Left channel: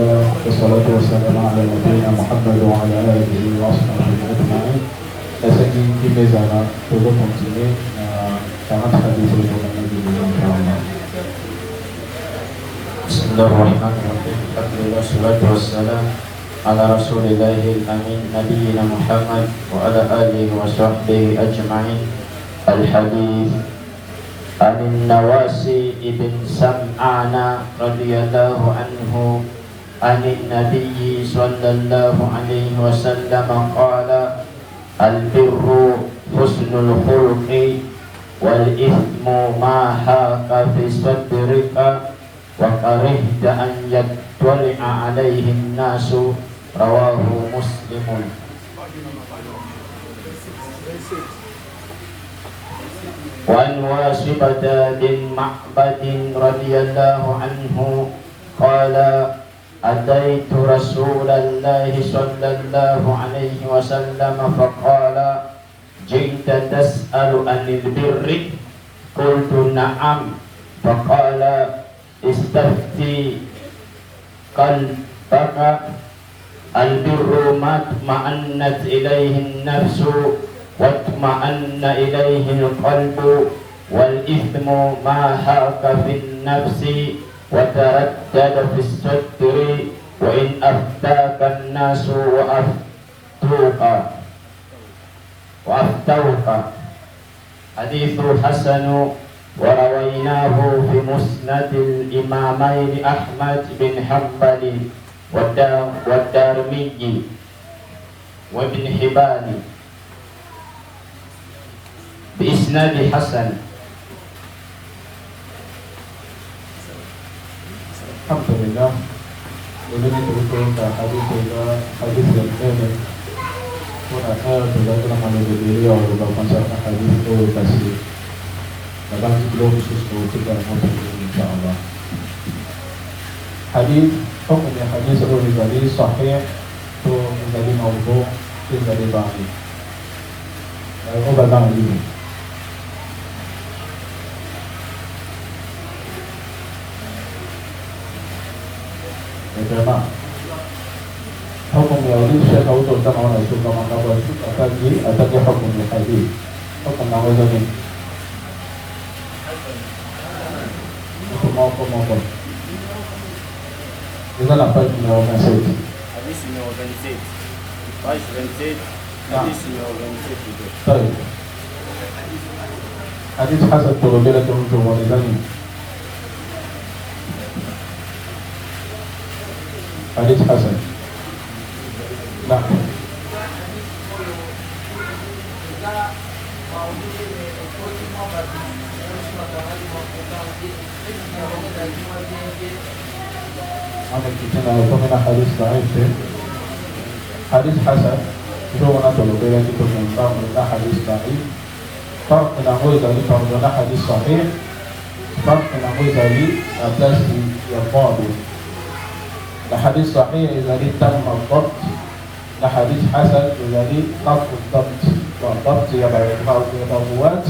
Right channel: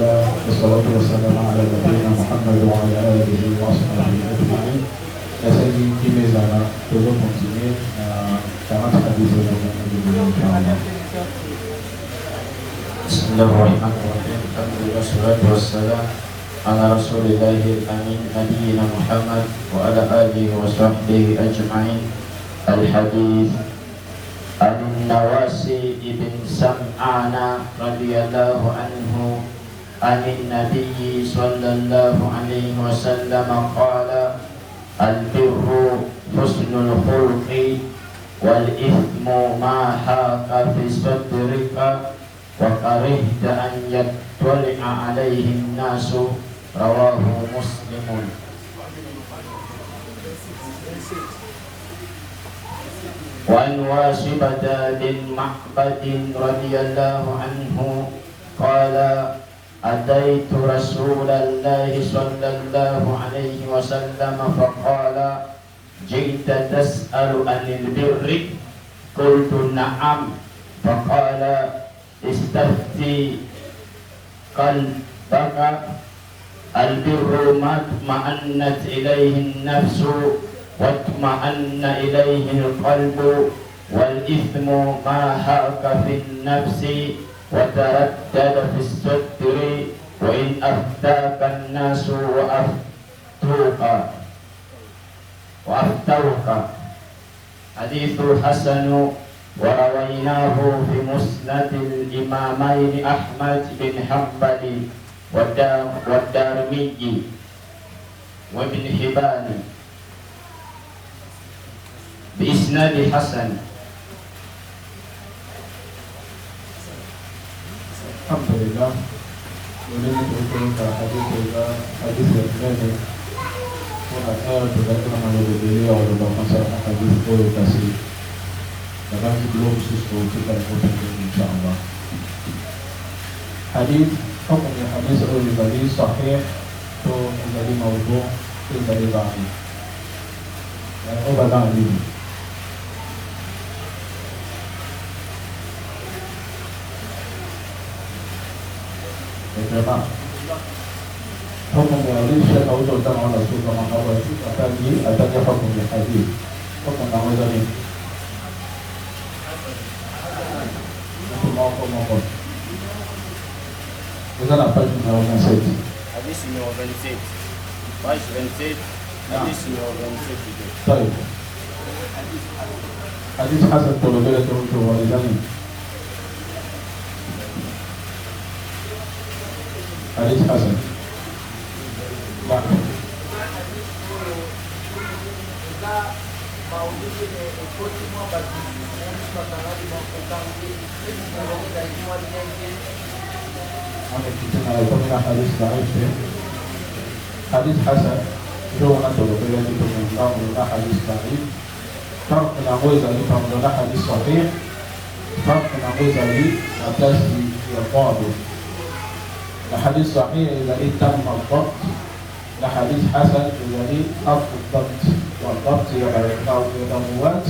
لله والصلاة والسلام على نبينا محمد وعلى آله وصحبه أجمعين. Rasanya kita zaman turun sini sangat sekali sudah menjadi. Bismillahirrahmanirrahim. Wassalatu wassalam ala Rasulillahil amin nabiyina Muhammad wa ala alihi wa sahbihi ajma'in. Al-hadits عن النواسي بن سمعان رضي الله عنه عن النبي صلى الله عليه وسلم قال البر حسن الخلق والإثم ما حاك في صدرك وكرهت أن يطلع عليه الناس رواه مسلم. وعن واصبة بن معبد رضي الله عنه قال أتيت رسول الله صلى الله عليه وسلم فقال جئت تسأل عن البر قلت نعم فقال استفتي قلبك البر ما اطمأنت إليه النفس واطمأن إليه القلب والإثم ما حاك في النفس وتردد في الصدر وإن أفتاك الناس وأفتوك. حديث حسن ورويناه في مسند الإمامين أحمد بن حنبل والدارمي وابن حبان بإسناد حسن. Alhamdulillah, ini berikutnya hadis yang ini kurasa berada dalam beliau dalam konsep hadis edukasi dalam sebelum khusus kita akan insyaallah. Hadis hukumnya hadis dari sahih itu menjadi maudhu itu dari bahan. Lalu batang ini. Kenapa? Hukum ini saya tahu tentang orang itu mana berarti ada dia hukum ini tadi. Hukum awal ini. Hukum apa? Kita nampak di bawah nasib. Hadis ini organisasi. Baik organisasi. Hadis ini organisasi itu. Baik. Hadis hasan turun ke walidan. Hadis hasan. Nah. Kita mau ikut semua bagi kita tahu tentang hadis baik. Hadis hasan itu orang boleh itu bermenang tentang hadis baik. Tak menambil dari panggilan hadis sahih. Tak menambil dari atas yang bagus. الحديث صحيح الذي تم الضبط الحديث حسن الذي ضبط الضبط والضبط يبقى يتطورات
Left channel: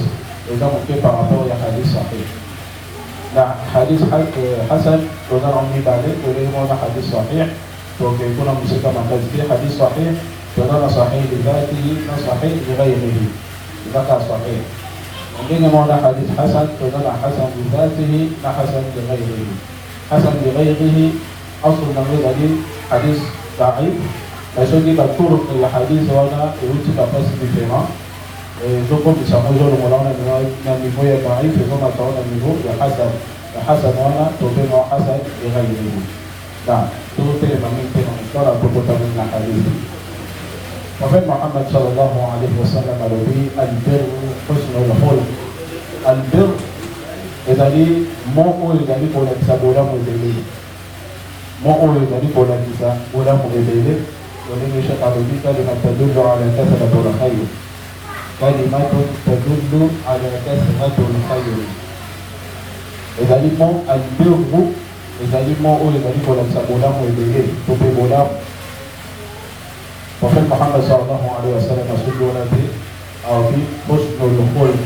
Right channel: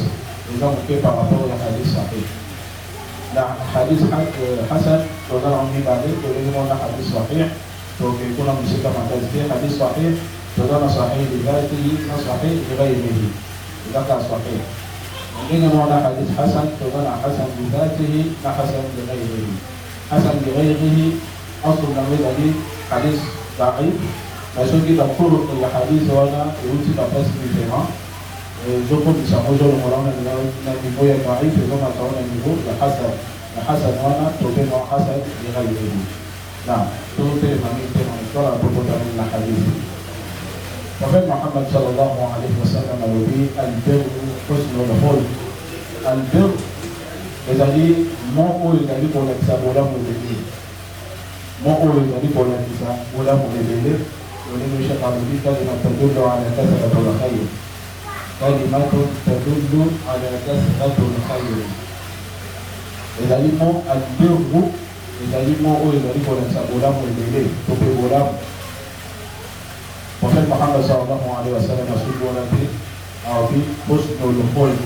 إذا كيف هو حديث صحيح. حديث حسن ولا أمي بعدين تقول هذا حديث صحيح ويكون مسكا مع حديث صحيح ولا صحيح لذاته صحيح لغيره لا صحيح. عندنا هذا حديث حسن ولا حسن لذاته لا حسن لغيره. حسن لغيره أصل ما يدري حديث ضعيف لكن إذا طرق الحديث ولا يوجد تفسير الجماع جوكم يسمونه مولانا نبي بويا ضعيف يقوم أتونا نبيه يحسن وانا تقول حسن لغيره. نعم تقول من ترى تقول من الحديث. وفي محمد صلى الله عليه وسلم الذي البر حسن الخلق. البر إذا لي مو إذا لي ولا تسبولا مدلل. مقول النبي ولا النساء ولا مغيره ولم يشق به كلمة تدل على كثرة الخير. كلمة تدل على كثرة الخير. إذا لم البر إذا لم أقول النبي ولا النساء ولا مغيره تقول ولا. وفي محمد صلى الله عليه وسلم رسول ونبي عظيم حسن الخلق.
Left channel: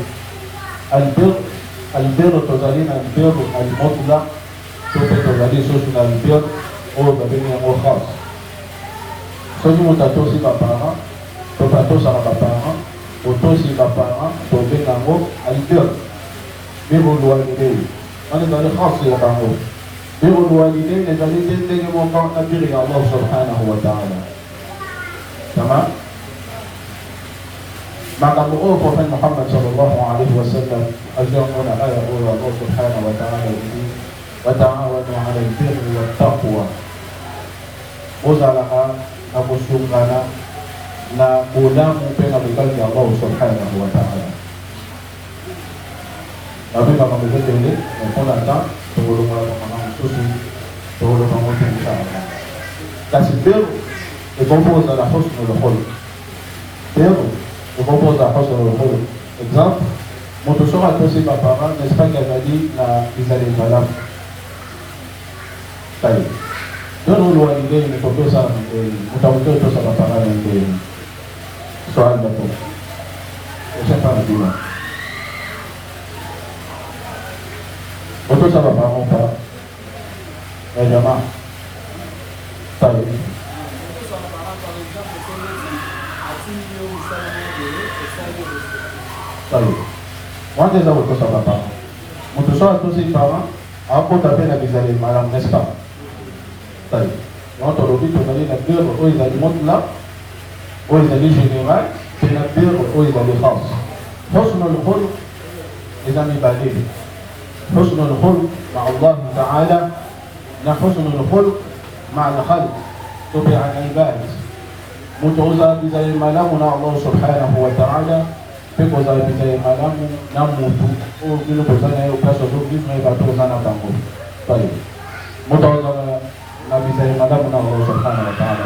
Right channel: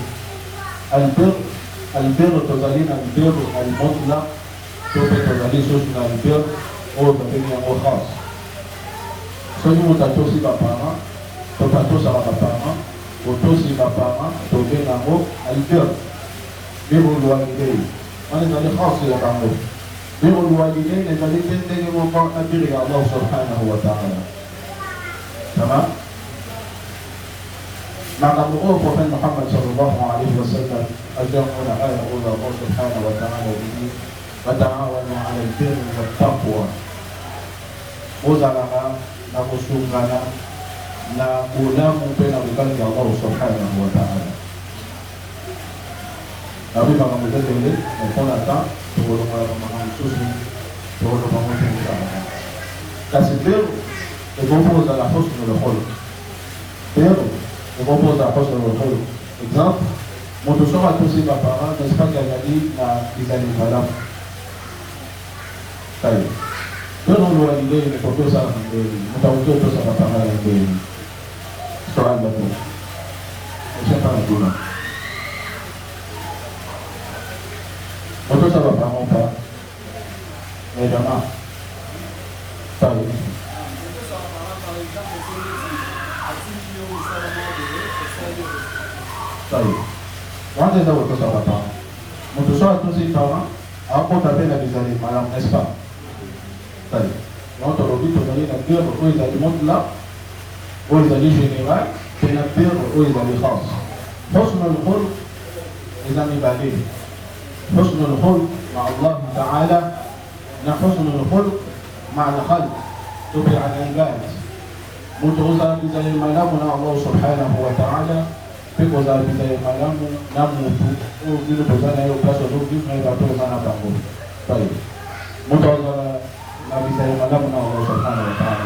البر تزالين البر المطلق. Itu terjadi sunnah bir oyo babengi yango grâce. Soki moto atosi baparent to atosaka baparent otosi baparent tobenga yango idole biboluwalide wana ezali grâce ya bango. biboluwalide ezali te ndenge moko abirika Allah subhanahu wa ta'ala. Tamam. makambo oyo prophète Muhammad sallallahu alayhi wa sallam azamuna aya oyo Allah subhanahu wa ta'ala bihi wa ta'awanu ala al-birri wa taqwa. Ozalaka na kusungana na bolamu mpe na bokali ya Allah subhanahu wa ta'ala. Babi makambo ebele mpona ta tokolongola makambo mosusu tokolonga motumisaka. Kasi bero ekompoza la husnul khuluq. Bero ekompoza la husnul khuluq. Exemple, moto soki atosi baparent n'est-ce pas azali na ezali malamu. Kali dono lwalide ekopesaka moto akoki otosa baparent ndenge soki ndenge esepa na duna otosa baparent ta ya jamaa tali wanje eza kotosa baparent moto soki atosi parent akota mpe na bizali malamu n'est-ce pas. tali yango tolobi tozali na guerre oyo ezali motula oyo ezali général pe na guerre oyo ezali france. husnul khuluq eza mibale. husnul khuluq ma Allah ta'ala na husnul khuluq ma al-khalq to pe al-ibad. moto ozala bizali malamu na Allah subhanahu wa ta'ala pe kozala bizali malamu na motu oyo bino tozala yo place ozobino bato oza na bango. tali moto ozala na bizali malamu na Allah subhanahu wa ta'ala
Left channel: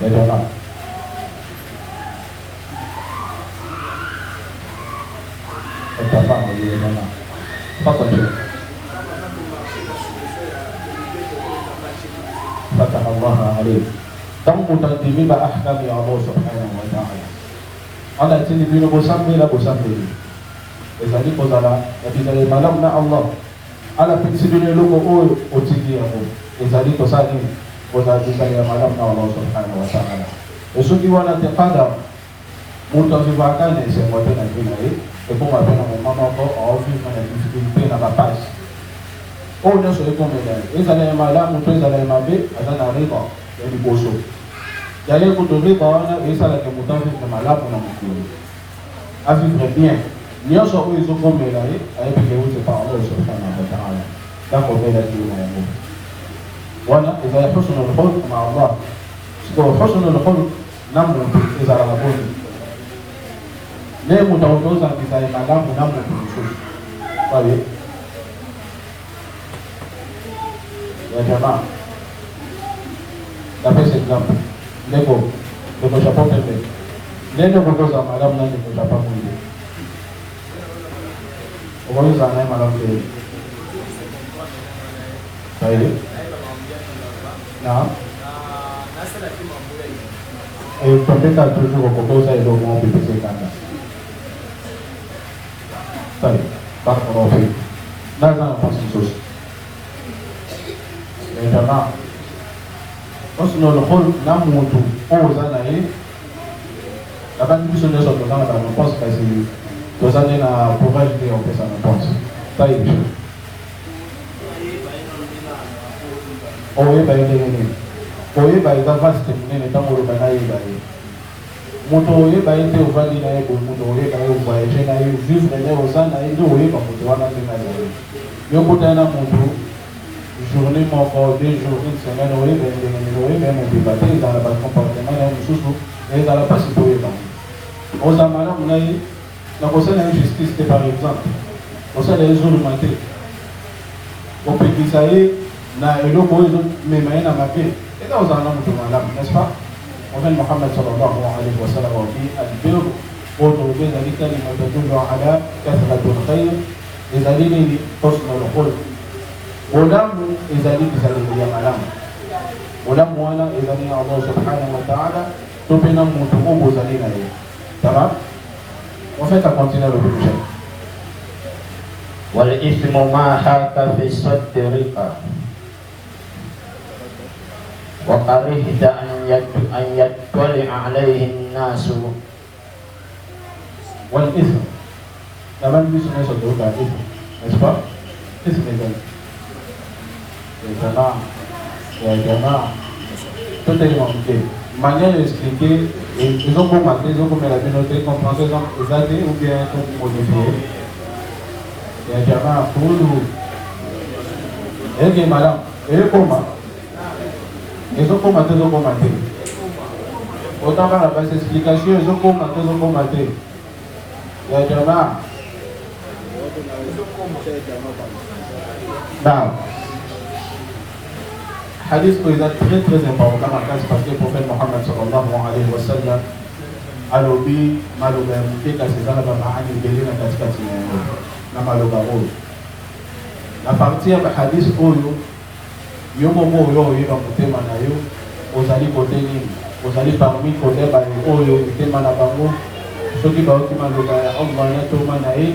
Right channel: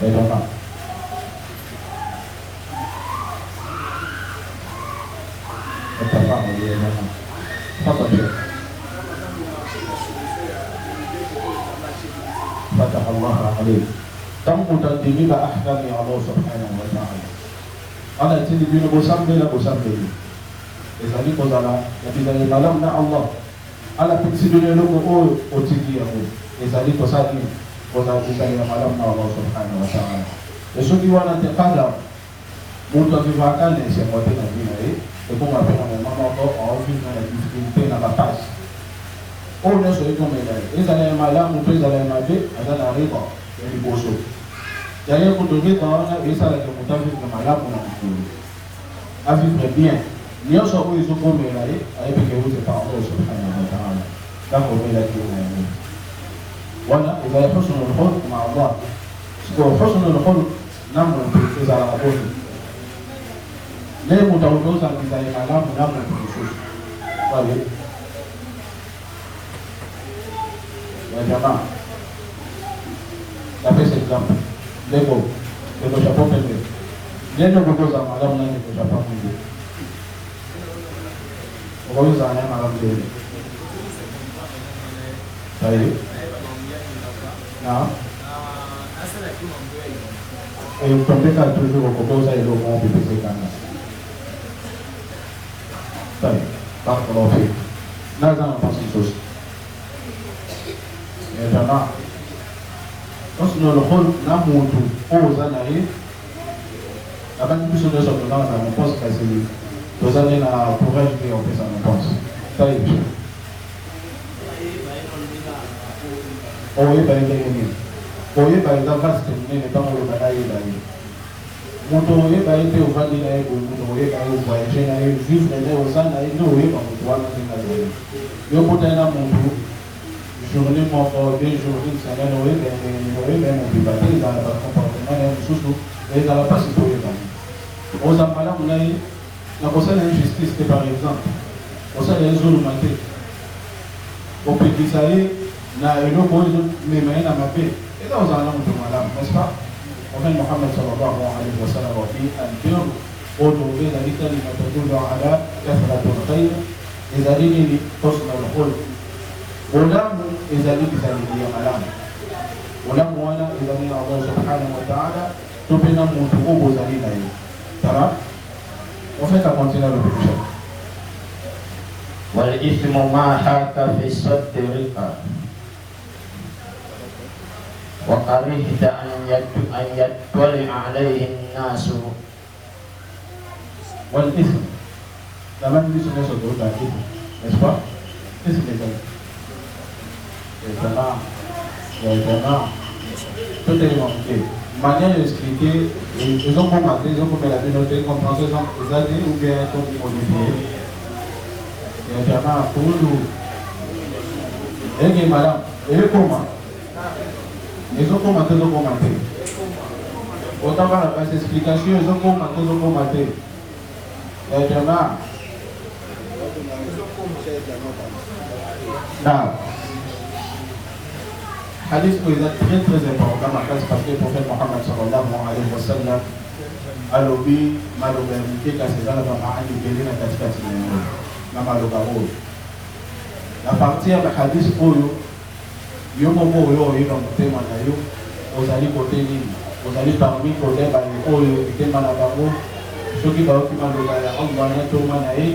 ya jamaa. Atafahamu ile maana. Fata tu. Fata Allah alayhi. Kamu mutadimiba ahkam ya Allah subhanahu wa ta'ala. Ana tini bino bosambe. Ezali kozala ya bizali malamu na Allah. Ala pikisibile lugo oyo otiki yango ezali tosali kozala bizali ya malamu na Allah subhanahu wa ta'ala. Osoki wana te kada moto azivaka nesengo te na bina ye ekoma pe na mama ko aovivre na difficulté na lapage oyo nyonso ekomela ye ezala ya malamu to ezala ya mabe aza na riba ya liboso yale kutu riba wana esalaka moto avivre malamu na mokili avivre bien nyonso oyo ezokomela ye ayebike ute par Allah subhanahu wa ta'ala dakomela kilo yango wana ezala husnul khuluq ma Allah. sikoyo husnul khuluq na moto ezalaka boni ne moto akozala bizali malamu na moto mosusu oye ya jamaa. napesa exemple ndeko japon pembe nene kokozala malamu na ndeko japon mwingi okozala naye malamu te saeli na tombeka toujours okokoza eloko na pepese kanga tali bakonope naza na mpasi mosusu jamaa. husnul khuluq na motu oyo oza na ye nakani biso nyonso tomona banaponse kasi tozali na courage te opesa na ponse tali biso oyeba ye ndenge nini oyeba eza vaste monene ntango oloba na yeba ye moto oyeba ye te ovandi na ye boye moto oyeba ye ovoyage na ye vivre na ye oza na ye nde oyeba moto wana nde na ye yo kotali na motu journée moko 2 jours 1 semaine oyeba ye ndenge nini oyeba ye mobila te ezala bacomportement na ye mosusu ezala mpasi koyeba oza malamu na ye na kosala injustice te par exemple kosala ye zuluma te opekisa ye na eloko oyo mema ye na mabe eka ozala na moto malamu n'est-ce pas. Prophète Muhammad sallallahu alayhi wa sallam ati albir oyo ezali kalima tadullu ala kathratul khayr ezali nini husnul khuluq. olamu ezali bizali ya malamu olamu wana ezali ya Allah subhanahu wa ta'ala to pe na moto oyo ozali na ye. Tamam. On fait la continuer le prochain. والإثم ما حاك في صدرك وكرهت أن يطلع عليه الناس. والإثم كمان بيسمى صدرك الإثم n'est-ce pas إثم ya jamaa tout est manqué manière d'expliquer ils ont commenté ils ont coopéré noté comprendre exacté ou bien modifié ya jamaa tout et madame et comment ils ont commenté autant par la base explication ils ont commenté ya jamaa non hadith ko ida très important parce que le prophète Mohammed sallallahu alayhi wa sallam alobi maloba mtika sizala maana ngelina katika sineno na maloba huyo na partir ya hadith huyo yomo moyo ina mtema nayo ozali kote nini ozali parmi kote ba huyo mtema na bango soki ba okima loba ya Allah na toma na yeye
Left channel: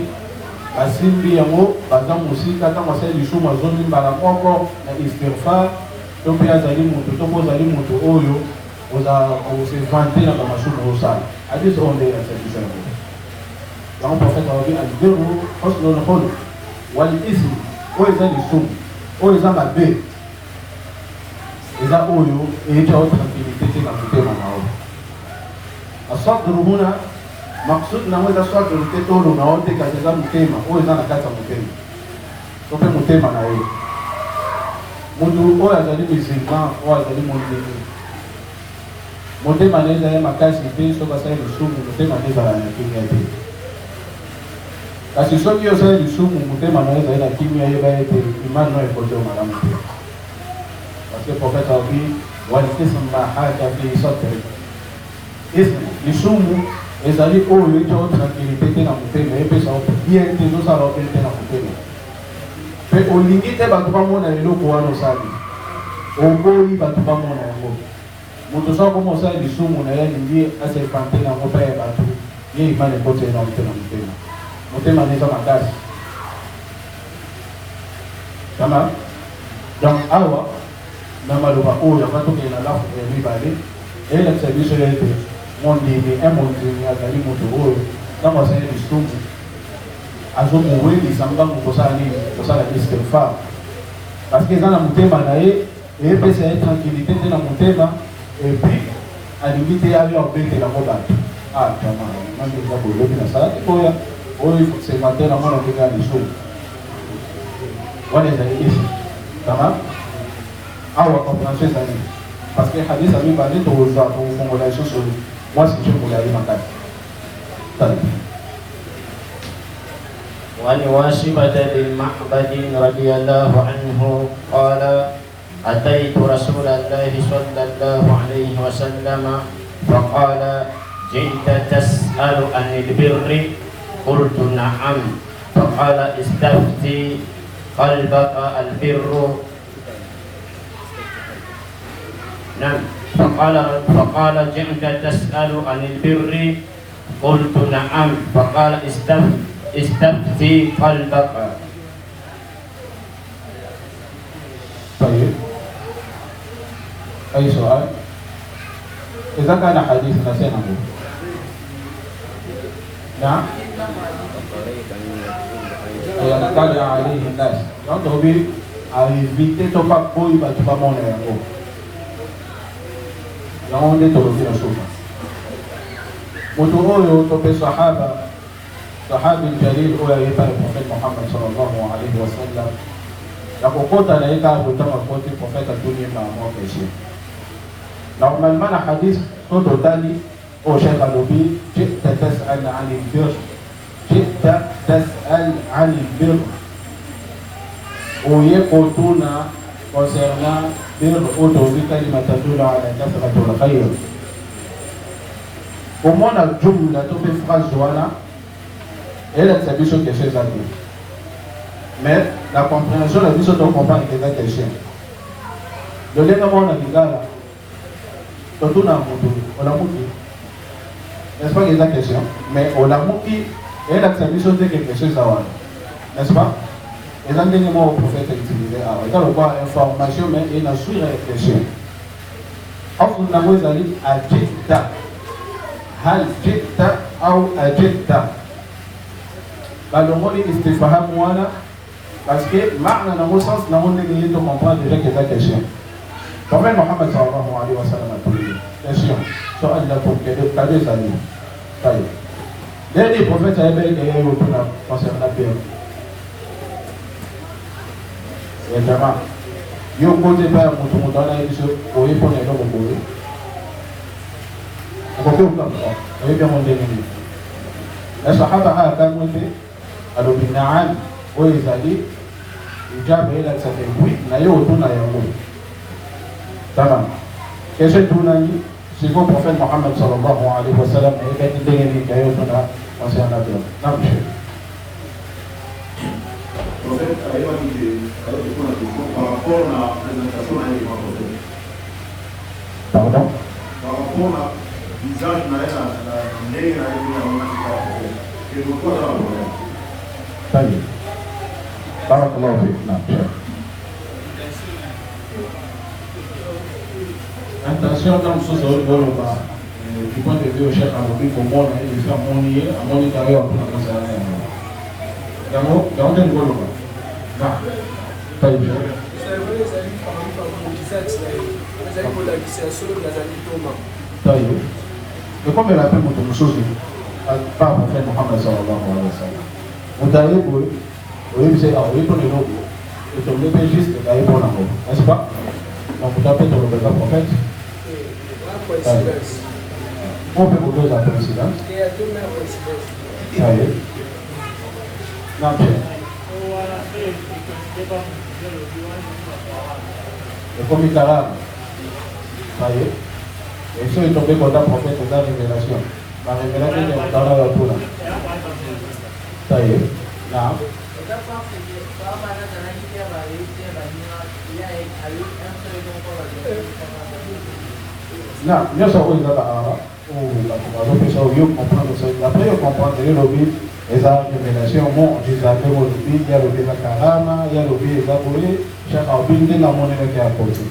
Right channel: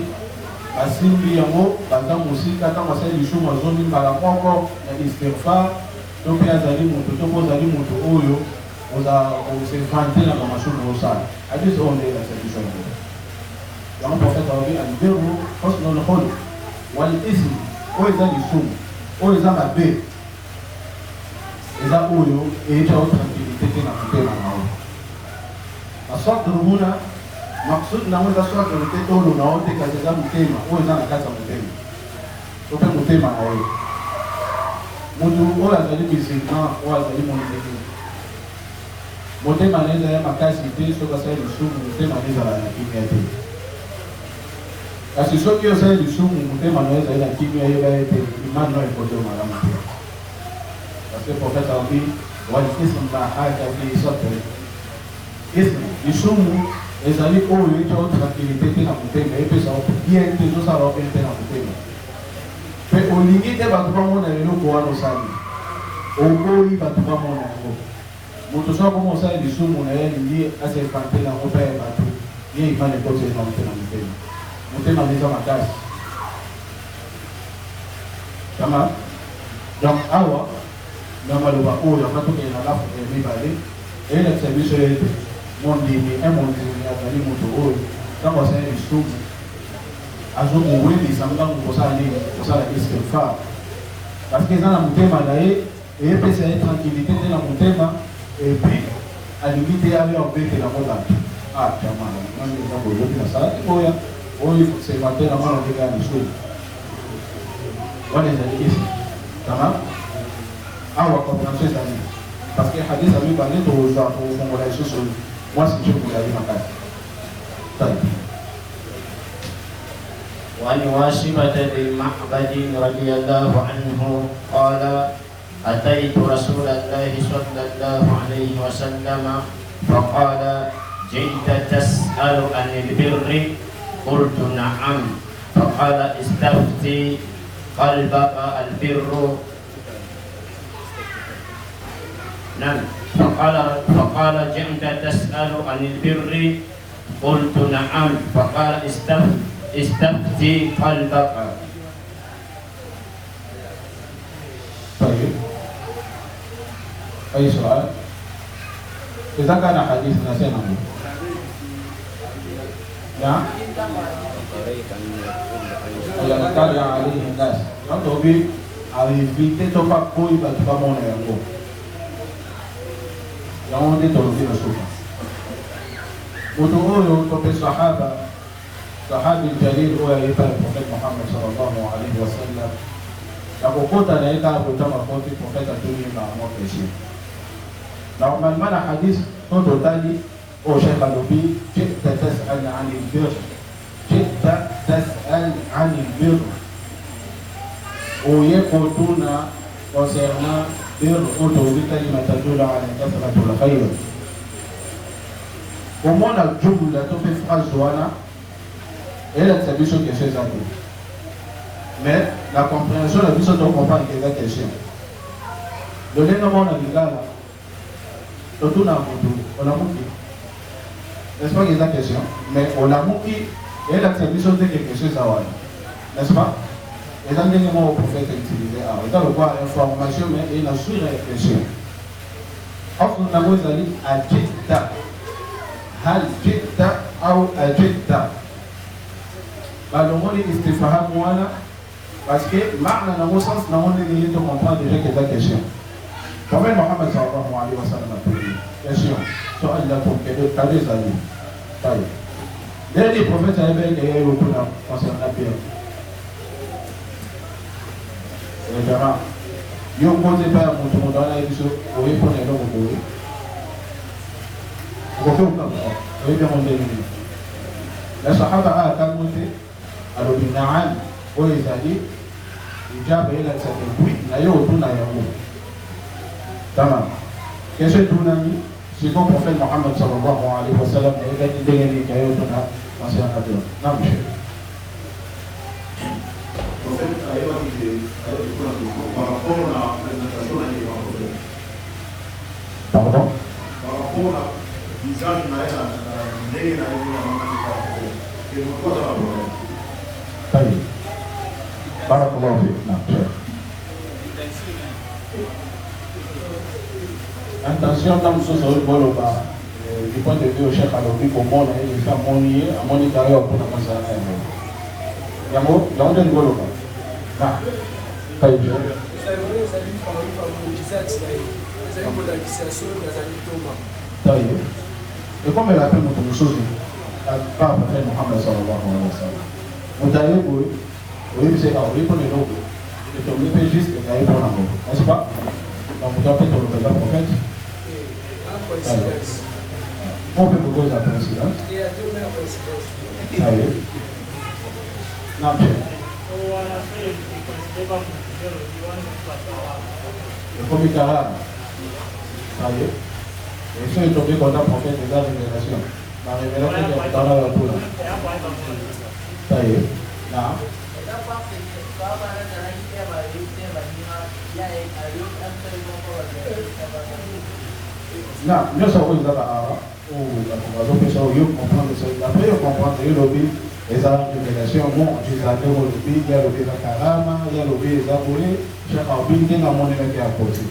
asimbi yango baza musika kama sasa lisuma zoni mbala poko na istighfar to pe azali mutu to kozali mutu oyo oza observante na bamasumu osala hadis onde ya solution yango prophète awabi albiru husnul khuluq wal ism oyo eza lisumu oyo eza mabe eza oyo eyeta o tranquillité te na motema nao asabru huna maksud nango eza sabru te tolo nao te kasi eza motema oyo eza na kati ya motema to mpe motema na ye mutu oyo azali musulman oyo azali mondele motema na ye ezali makasi te soki asali lisumu motema na ezala na kimia te kasi soki osali lisumu motema na ye ezali na kimia yeba ete imani no ekote malamu te parce que prophète abi walikism ma haka fi sadri ism lisumu ezali oyo ete o tranquillité te na motema epesa o bien te ezosala o bien te na motema pe olingi te bato bamona eloko wana osali oboyi bato bamona yango moto so akoma osala lisumu na ye alingi aserpante nango mpe ya bato ye imani ekoti ye na motema motema neza makasi kama donc awa na maloba oyo abatokele na lafo ya mibale eyelakisa biso ete mondini mondini azali moto oyo ntango asali lisumu azomowelisa ngambo kosala nini kosala istighfar parce que eza na motema na ye eyepesa ye tranquillité te na motema epuis alingi te ayo abetelango bato jamanaoyoki nasala te oya oyo observateur amona obenga lisumu wana ezali isi kama awa compréhension ezali parce que hadis ami bandi tokozwa kofongola lisusu mwasi nje kozali makasi وعن واشبة بن معبد رضي الله عنه قال أتيت رسول الله صلى الله عليه وسلم فقال جئت تسأل عن البر قلت نعم فقال استفتي قلبك البر نعم فقال جئت تسأل عن البر قلت نعم فقال استفتي قلبك. طيب أي سؤال؟ إذا كان حديث نسينا نعم يطلع عليه الناس donc bi éviter to pas koyi bato bamona yango yango nde tolobi na soma moto oyo tope sahaba sahabi jalil oyo ayeba le prophète Mohammed sallallahu alayhi wa sallam na kokota na ye kaka kotanga koti prophète atuni na mwa péché normalement na hadith to totali o cheikh alobi jita tas'al an al-birr jita tas'al an al-birr oye kotuna concernant birr otobi kalima tadula ala kasratul khayr omona jumla to pe phrase wana elle est biso question ezali mais la compréhension la biso donc comprendre que eza question lolenge mona lingala totuna moto olamuki n'est-ce pas que eza question mais olamuki elle est biso te que question eza wana n'est-ce pas Et là, il y a un prophète utilisé. Dans le quoi, information, mais il a su réfléchir. Offre la voix d'aller à Jidda. Hal Jidda ou à Jidda. Le mot est istifaham wala. Parce que, maintenant, dans le sens, dans le monde, il faut comprendre déjà que c'est la question. Quand même, Mohammed sallallahu alayhi wa sallam a dit, question, sur Allah pour que le cadeau s'allie. Dès les prophètes avaient gagné au plan concernant la paix. Évidemment, il y a un côté par mon tout le monde dans la édition, pour y prendre les noms au bout. On va faire comme ça, on va faire mon délit. La Sahaba a calmé, alors il n'a rien, où il a dit, il a fait la certaine pluie, il a eu au tour de la Yahoo. Tamam. Question tout le monde, si vous, prophète Mohammed sallallahu alayhi wa sallam, il a dit de l'ennemi qui a eu au tour de la concernant la paix. Non, monsieur. Pardon? Par rapport à l'usage de la طيب بارك الله فيك. نعم. Intention dans ce sens du point de vue au chef alors pour moi il fait mon carrière pour la masse Yamo, dans le golo. Non. Pas du tout. Et comme elle a fait beaucoup de choses, par le prophète Mohammed sallallahu alayhi wa sallam. Vous avez dit, oui, c'est là, oui, pour les mots. Et que le juste, vous avez pour la mot. N'est-ce pas? Donc, vous avez pour le prophète. On peut vous poser la coïncidence. Ça y est. Non, et comme il calme, ça y est. Et si il tombé contre un prophète de la génération, la révélation est dans la retour. Ça y est. Là. Non, bien sûr, il y a après, on comprend que les révélations, il y a le Karama, il y a le Zaboué, chaque abîme dans mon énergie à côté.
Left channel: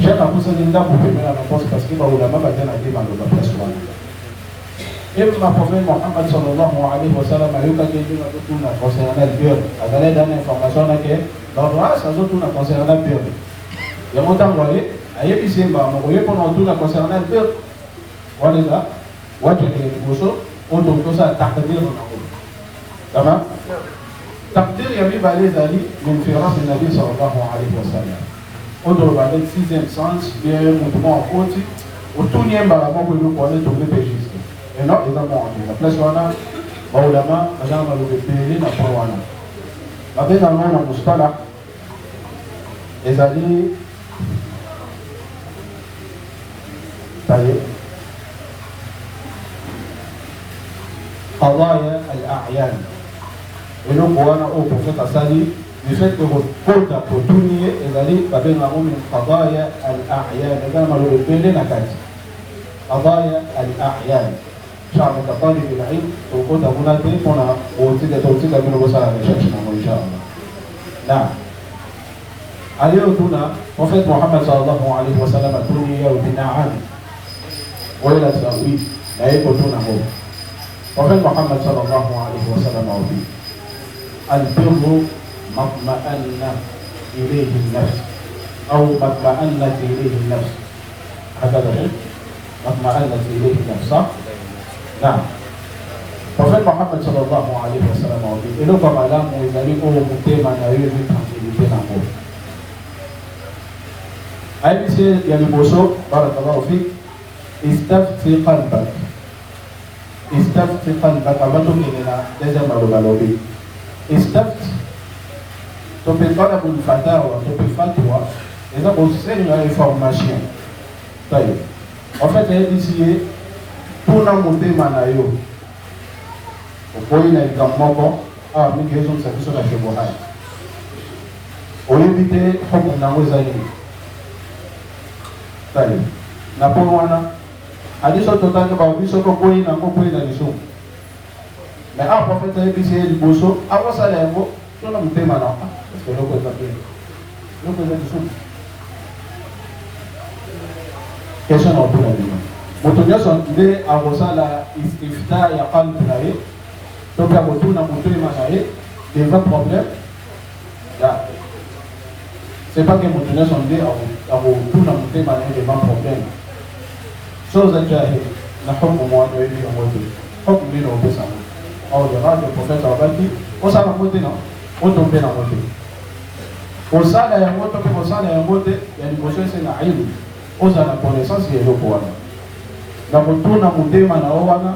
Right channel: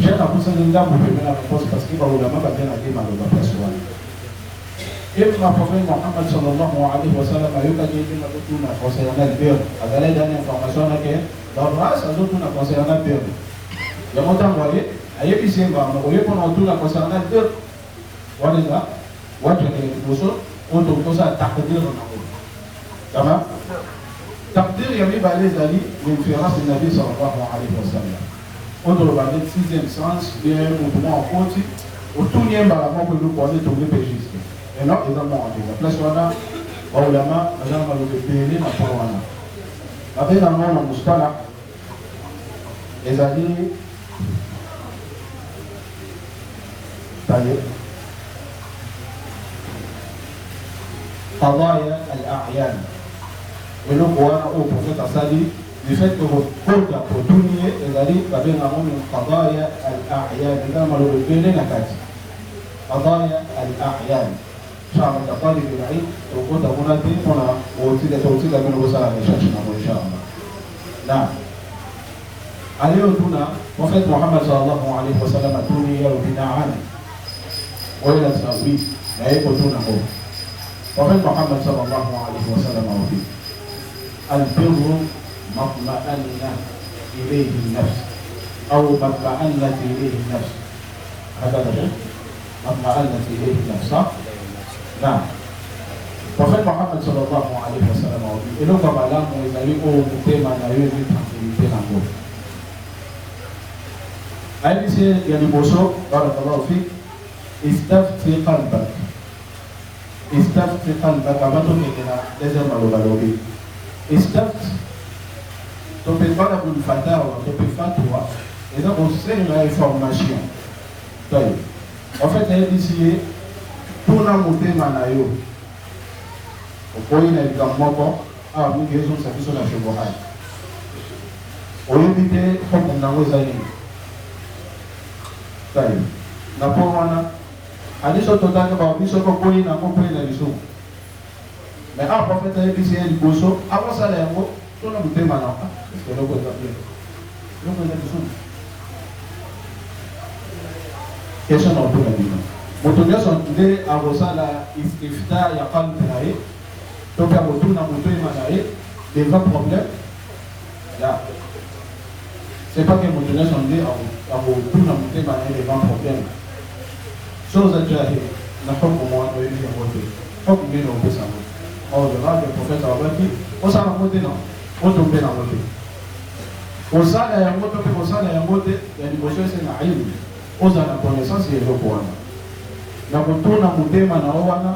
Chaque abîme dans mon énergie à côté parce qu'il va vous la mettre à la personne. Et ma première Mohammed sallallahu alayhi wa sallam a eu quelque chose à tout concernant le Dieu. À la dernière information, dans le reste, ça tout concernant le Dieu. Il y a longtemps, vous voyez, à l'épicerie, vous voyez pendant tout concernant le Dieu. Voilà ça. Voilà les choses. On doit tout ça takdir. D'accord? Takdir, il y a eu les amis, l'inférence de Nabi sallallahu alayhi wa sallam. On doit avoir le sixième sens, il y a un mouvement en côté. Au tout n'y a pas que nous pouvons trouver des gestes. Et non, ils ont dit, la place on a, au lama, on a le pays, ma pouvoir. Avec un nom en Moustala, les alliés, ça y est, قضايا الأعيان. Et donc, on a au prophète Assani, du fait que vous pouvez continuer, les alliés, avec la nom de قضايا الأعيان, et dans le pays, la case. قضايا الأعيان. شعب الطالب العلم وقود أبونا تيمونا وتيجا من وسائل شاشنا إن شاء الله. نعم. اليوم هنا وفاة محمد صلى الله عليه وسلم أتوني يوم بنعم وإلى التأويل لا يكون هو. وفاة محمد صلى الله عليه وسلم أوفي. البر ما اطمأن إليه النفس أو ما اطمأنت إليه النفس. هذا الشيء ما اطمأنت إليه النفس صح؟ نعم. Prophète Mohammed sallallahu alayhi wa sallam a dit, et donc comme Allah, mes amis, ont monté ma naïve et tranquillité dans le monde. Aïe, il y a des mots, barakallahu fik, istafti qalbak. Istafti qalbak, avant de me dire la deuxième alobalobi. Istafti, tu peux pas avoir une fatawa, tu peux faire toi, et donc on sait une information. En fait, il y a ici, pour la montée manayo, au point de Gamoko, à une question de sa question de la Chemola. Au limité, comme on a osé. C'est-à-dire, la Pomana, à des choses totalement différentes, des choses qu'on n'a pas pu dans les choses. Mais à prophète, il y a des choses, à quoi ça l'est, tuna mutema na eloko eza bien eloko eza lisusu question na otuna bino moto nyonso nde akosala ifta ya qalbi na ye to mpe akotuna motema na ye devant problème ya c'est pas que moto nyonso nde akotuna motema na ye devant problème chose ajaye na kombo mwa oyebi yango te kombo mbino opesango or le prophète abaki osala yango te na otombe nango te osala yango to mpe kosala yango te ya liboso esenga aibu ozala na connaissance ya eloko wana na kotuna motema na yo wana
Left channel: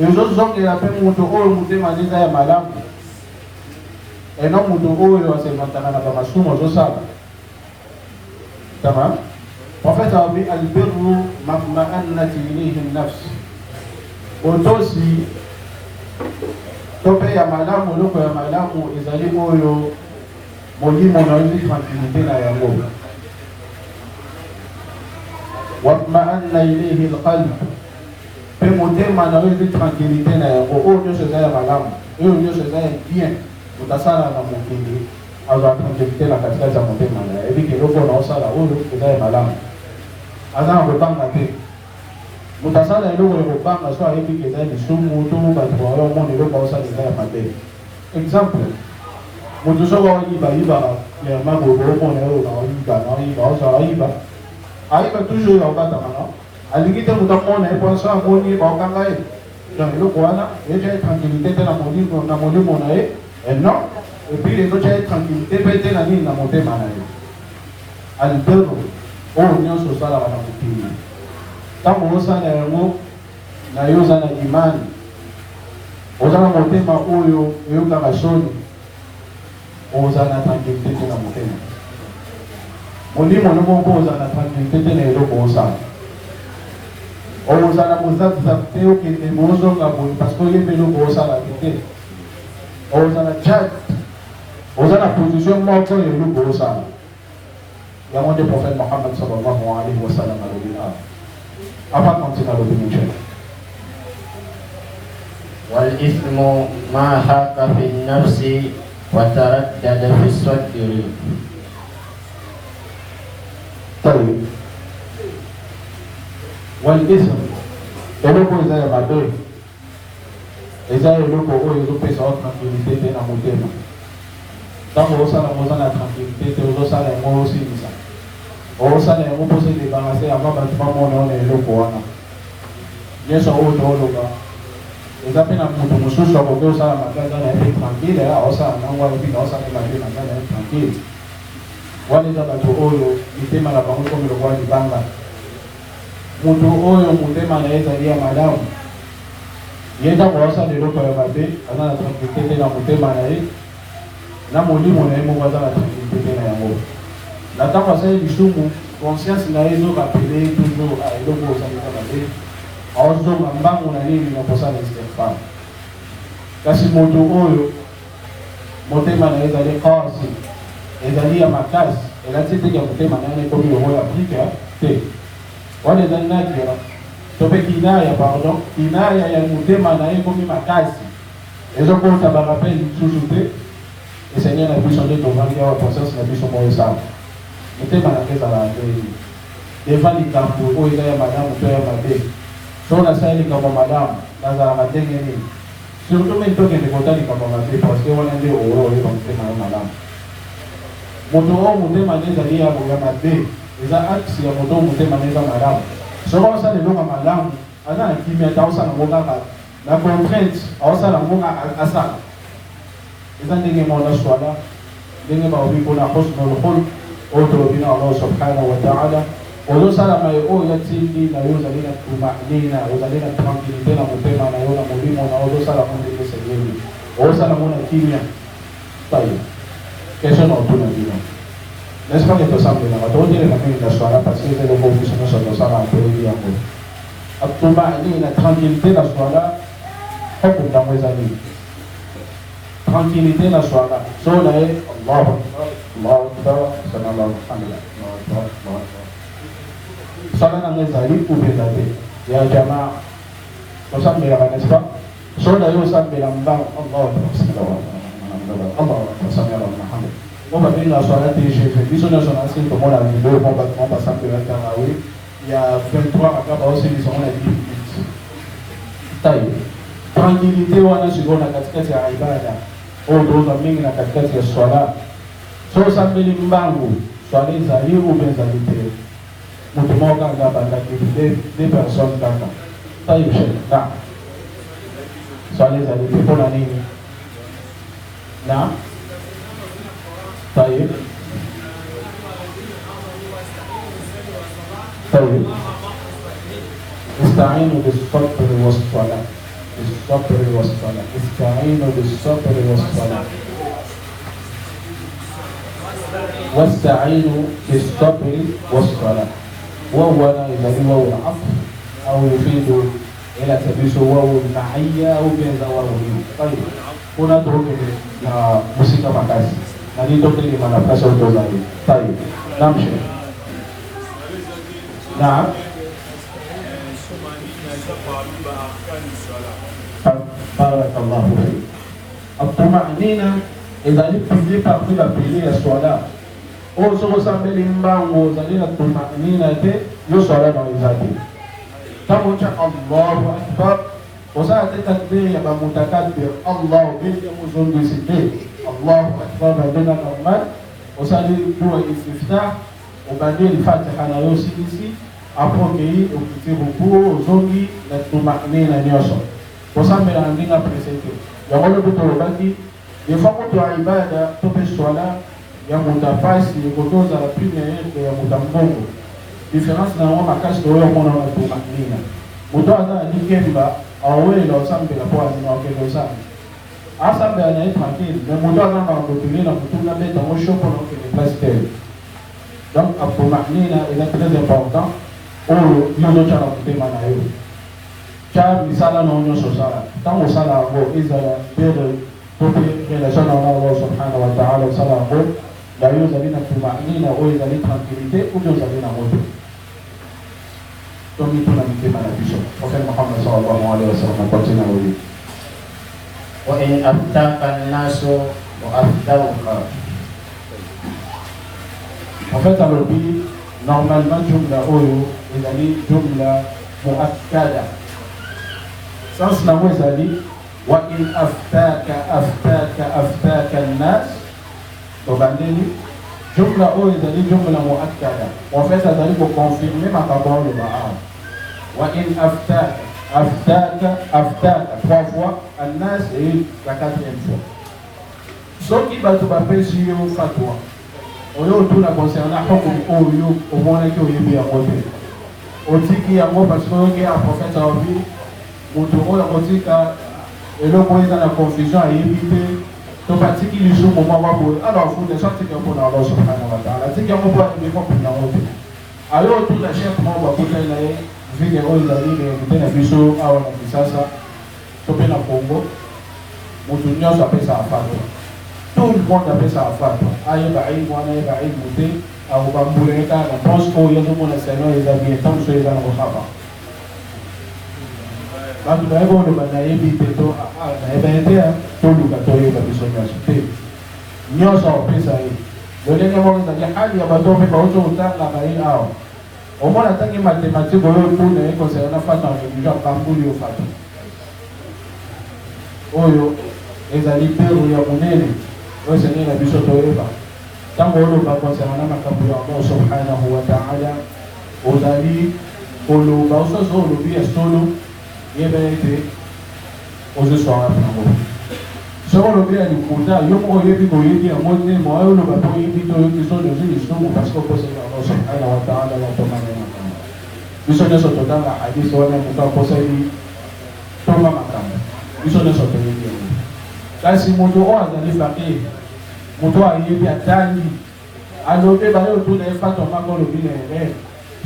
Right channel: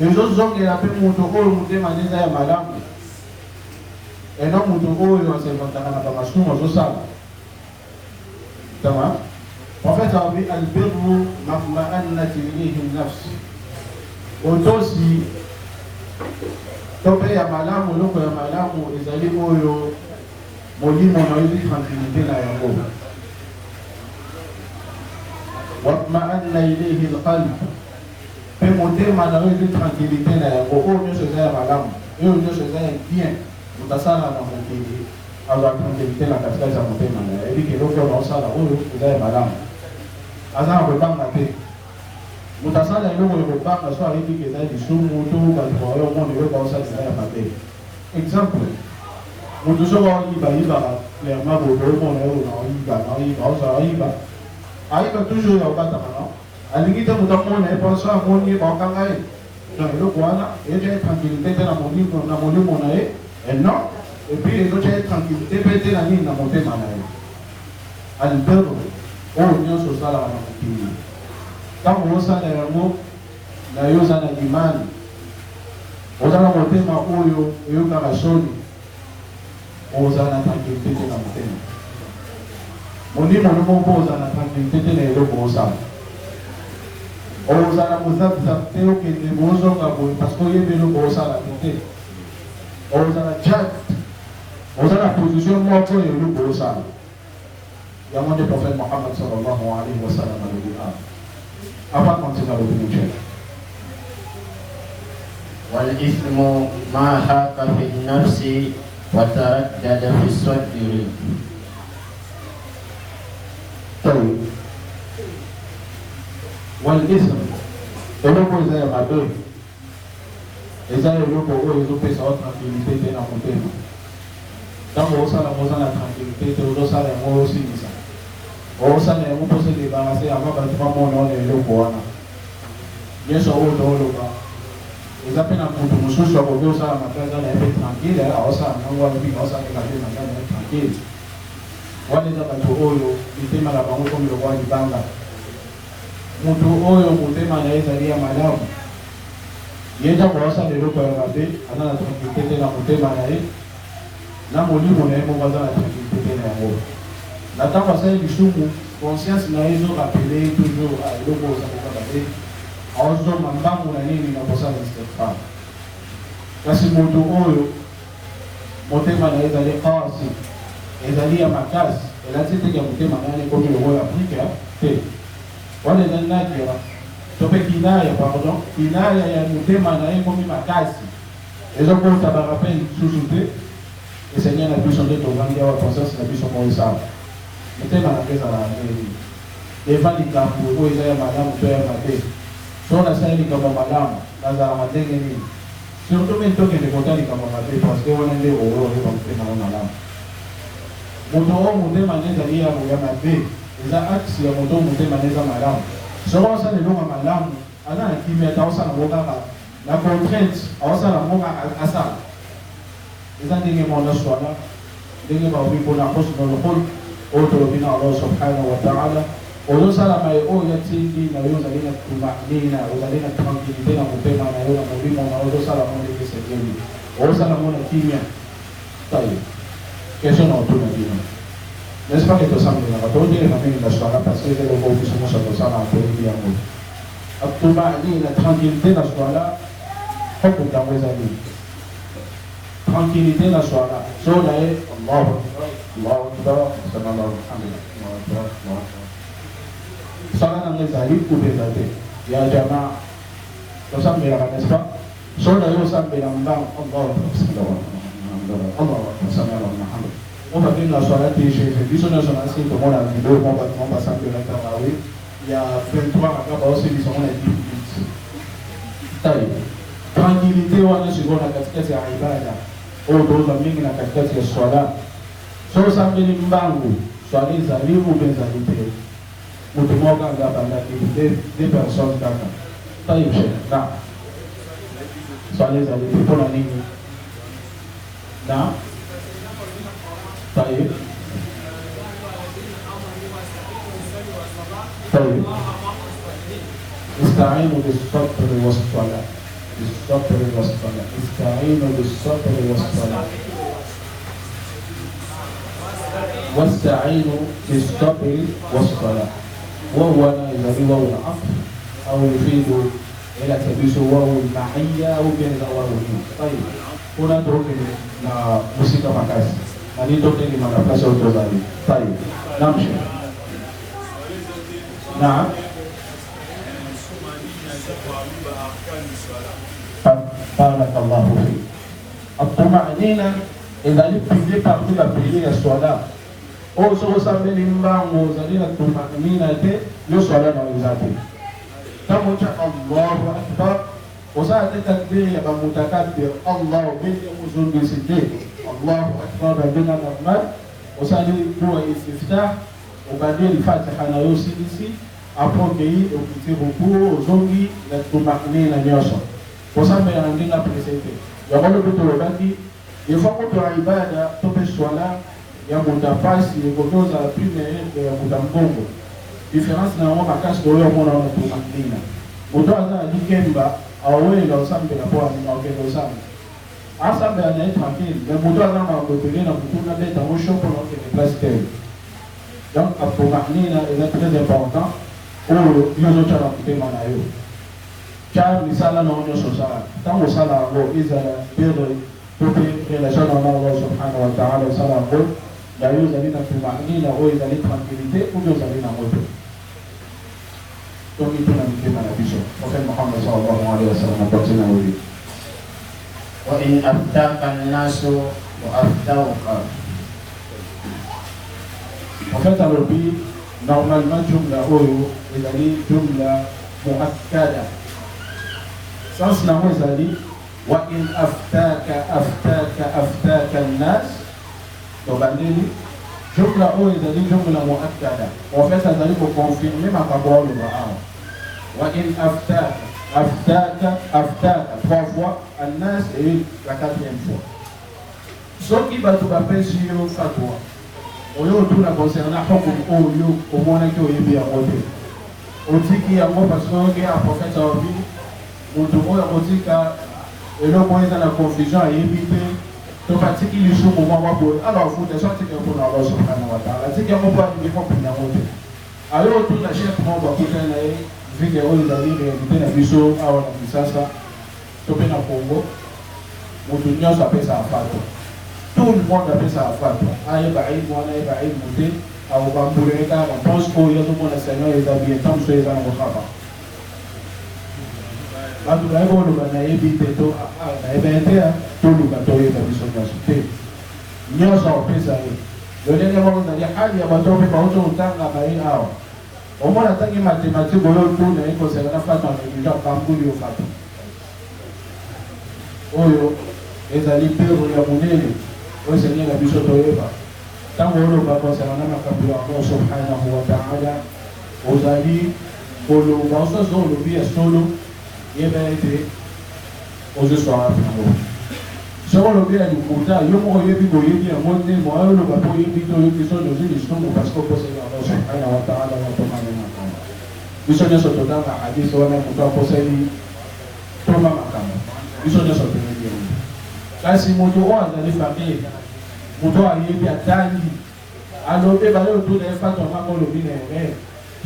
ezozongela mpe moto oyo motema neza ya malamu ena moto oyo aservantaka na bamasumu ozosala tama prophète abi albirru mama'annat ilayhi nafs otosi to mpe ya malamu eloko ya malamu ezali oyo molimo na yozi tranquillité na yango watma'anna ilayhi alqalb mpe motema na yozi tranquillité na yango oyo nyonso eza ya malamu oyo nyonso eza ya bien otasala na mokili azwa tranquillité na katikati ya motema na ye ebiki eloko na osala oyo eza ya malamu aza na kobanga te moto asala eloko ya kobanga so ayebiki eza lisumu to bato baoyo omona eloko aosala eza ya mabe exemple moto soko ayibayiba ya magobo omona oyo naoyiba ozala ayiba ayiba toujours ya okataka no alingi te moto amona ye mpo so amoni baokanga ye donc eloko wana etia tranquillité te na molimo na ye non epuis ezotia tranquillité mpe te na nini na motema na ye albero oyo nyonso osalaka na mokili ntango osala yango na yo oza na imani oza na motema oyo eyokaka soni ozala na tranquillité te na motema molimo ni moko ozala na tranquillité te na eloko osala ozala kozabisa te okende bozonga boye parceke oyebi eloko osala te ozala jade oza na position moko ya eloko osala yango nde prophète Mohammed sallallahu alayhi wa sallam alobina avant continuer le bénédiction والإثم ما حاك في النفس وتردد في الصدر. طيب والإثم eloko eza ya mabe eza eloko oyo ezopesa wa tranquillité te na motema ntango osala yango oza na tranquillité te ozosala yango osilisa osala yango mpo se débarrasse avant bato bamona yo na eloko wana nyonso oyo tooloba eza mpe na moto mosusu akoki osala makasi na ye tranquille ala osala nango wana bino osalela mpe makasi na ye tranquille wana eza bato oyo mitema na bango komi lokola libanga moto oyo motema na ye ezali ya malamu ye ntango asala eloko ya mabe aza na tranquillité te na motema na ye na molimo na ye moko aza na tranquillité te na yango na ntango asali lisumu conscience na ye ezokapele toujours eloko osalekaka te aozonga mbango na nini na kosala istighfar kasi moto oyo motema na ye ezali kasi ezali ya makasi elati teke motema na ye ekomi longo ya afrika te wana ezali nadia to mpe kinaya pardon kinaya ya motema na ye ekomi makasi ezokota barapele lisusu te eseigneur na biso nde tovandi awa conscience na biso moko esala motema na ke ezala ndeni devant likambo oyo eza ya malamu to ya mabe so nasala likambo malamu nazalaka ndenge nini surtout mpe tokende kota likambo mabe parce que wana nde oyo oyeba motema ya malamu moto oyo motema nde ezali ya mabe eza axe ya moto oyo motema nde eza malamu soko osala eloko malamu aza na kimia ta osala yango kaka na contrainte aosala yango asala eza ndenge mona swala ndenge baobi mpona husnul khulq oyo tolobi na allah subhanahu wa taala ozosalama ye oyo otindi na yo ozali na tumanina ozali na tranquillité na motema na yo na molimo na ozosala mo ndenge esengeli ozosala mo na kimia taye question na otuna bino n'est-ce pas que tosambenaka toondeleka mingi na swala parce que eloko biso nyonso tosala mpeleli yango atumanina tranquillité na swala hoko ntango ezali tranquillité na swala so na ye allahu akbar sallallahu alhamdulillah swala nango ezali kubeza te ya jamaa tosambelaka n'est-ce pas so na ye osambela mbango allahu akbar Allah sallallahu alaihi wasallam. On va dire la soirée téléchargée. Ils sont dans son assiette, comme on a dit, on va s'appeler à Tarawi. Il y a 23 à 14 qui sont là, 10 minutes. Taille. Tranquillité, on a ce qu'on a katikati ya ibada. On doit mingi na katikati ya swala. So samedi mbangu, swala izali ou bien zali tele. Mtu mmoja ngapa na des personnes kaka. Taille chef. Na. Swala izali tele na nini? Na. طيب طيب استعينوا بالصبر والصلاة بالصبر والصلاة استعينوا بالصبر والصلاة واستعينوا بالصبر والصلاة وهو الذي هو عطف أو يفيد إلى تبيس وهو المعية أو بين زواله. طيب هنا نترك موسيقى مكاسي هذه تعني ما نفسه الجزائي. طيب نمشي. نعم. بارك الله فيك. الطمأنينة إذا لبتجي تقبل بجي الصلاة أو سو سامي لمبان وزالين الطمأنينة كي يصلى نوزاتي تموت الله أكبر وساعة التكبير يبقى متكبر الله بالمزون بسكين الله أكبر ربنا الرحمن وساعة هو الاستفتاح وبعدين الفاتحة نيوسي بسي أفوكي وكتير بكو زوجي للطمأنينة نيوصل وسامي عندنا بريسيتي يقول بطلباتي يفقط عبادة تبي الصلاة يا متفاسي يقولون على بريمير يا متمبونgo difference na wao makasi ndio wao mwana wanatumakinia mtu ana nikemba awe la usambe la kwa ni naongeza sana asambe anaitwa makini na mtu ana mabotelina na kutuna leta mwisho kwa le pasteur donc atumakinia est très important pour yozo cha kutema nayo cha misala na onyo sala kama sala ngo iza bero tupi relation na Allah subhanahu wa ta'ala sala ngo la yozo lina tumakinia au iza lina tranquillité ou yozo lina moto donc tuna mtema ya bisho Prophet Muhammad sallallahu alaihi wasallam kwa jina hili wa in abtaka an-nasu wa abtauka. Prophet alobi normalement jumla oyo ezali jumla muakkada sens na mwezali wa in aftaka an-nas tobandeli jumla oyo ezali jumla muakkada en fait azali ko confirmer makabolo ba وإن أفتاك trois fois الناس et la quatrième fois. Soki batu bapesi yo fatwa oyo tuna concernant hukum oyo omona ki oyebi ya mote otiki yango parce que oyoki a prophète aobi mutu oyo otika eloko eza na confusion ayebi te to batiki lisumu mwa waboye alors funde so tika mpona Allah subhanahu wa ta'ala tiki yango mpo alingi mpona mote ayo tuna chef mwa bakutana na ye vile oyo ezali réalité na biso awa na Kinshasa to mpe na Congo moto nyonso apesaka fatwa tout le monde apesaka fatwa ayeba aibu wana ayeba aibu te akobambulenge kaka pense oyo azomona seigneur eza bien tant so eza na kokaka bato nayebi oloba nayebi te to nayebi te toluka toyeba biso nyonso te nyonso apesa ye lolenge moko ezali hali ya bato mpe baozokotanga bayi awa omona tangi mathématique oyo tuna ekosala fata ya kambuli yo fata oyo ezali pero ya monene oyo seigneur na biso toyeba ntango oloba kosala na makambo ya Allah subhanahu wa ta'ala ozali oloba ososo olobi ya solo yeba ete ozoswala pango soko olobi ya likuta yo moko oyebi boyebi ya motema oyo oloba po oyebi toyoki solo ozwi lisumu parce que okosala Allah subhanahu wa ta'ala wakomana biso nyonso totanga hadisi wana moto akosali toma makambo biso nyonso toyebi kasi moto oyo azali fakir moto ayebi atangi alobi bayo otuna efatwa maka olobi na erreur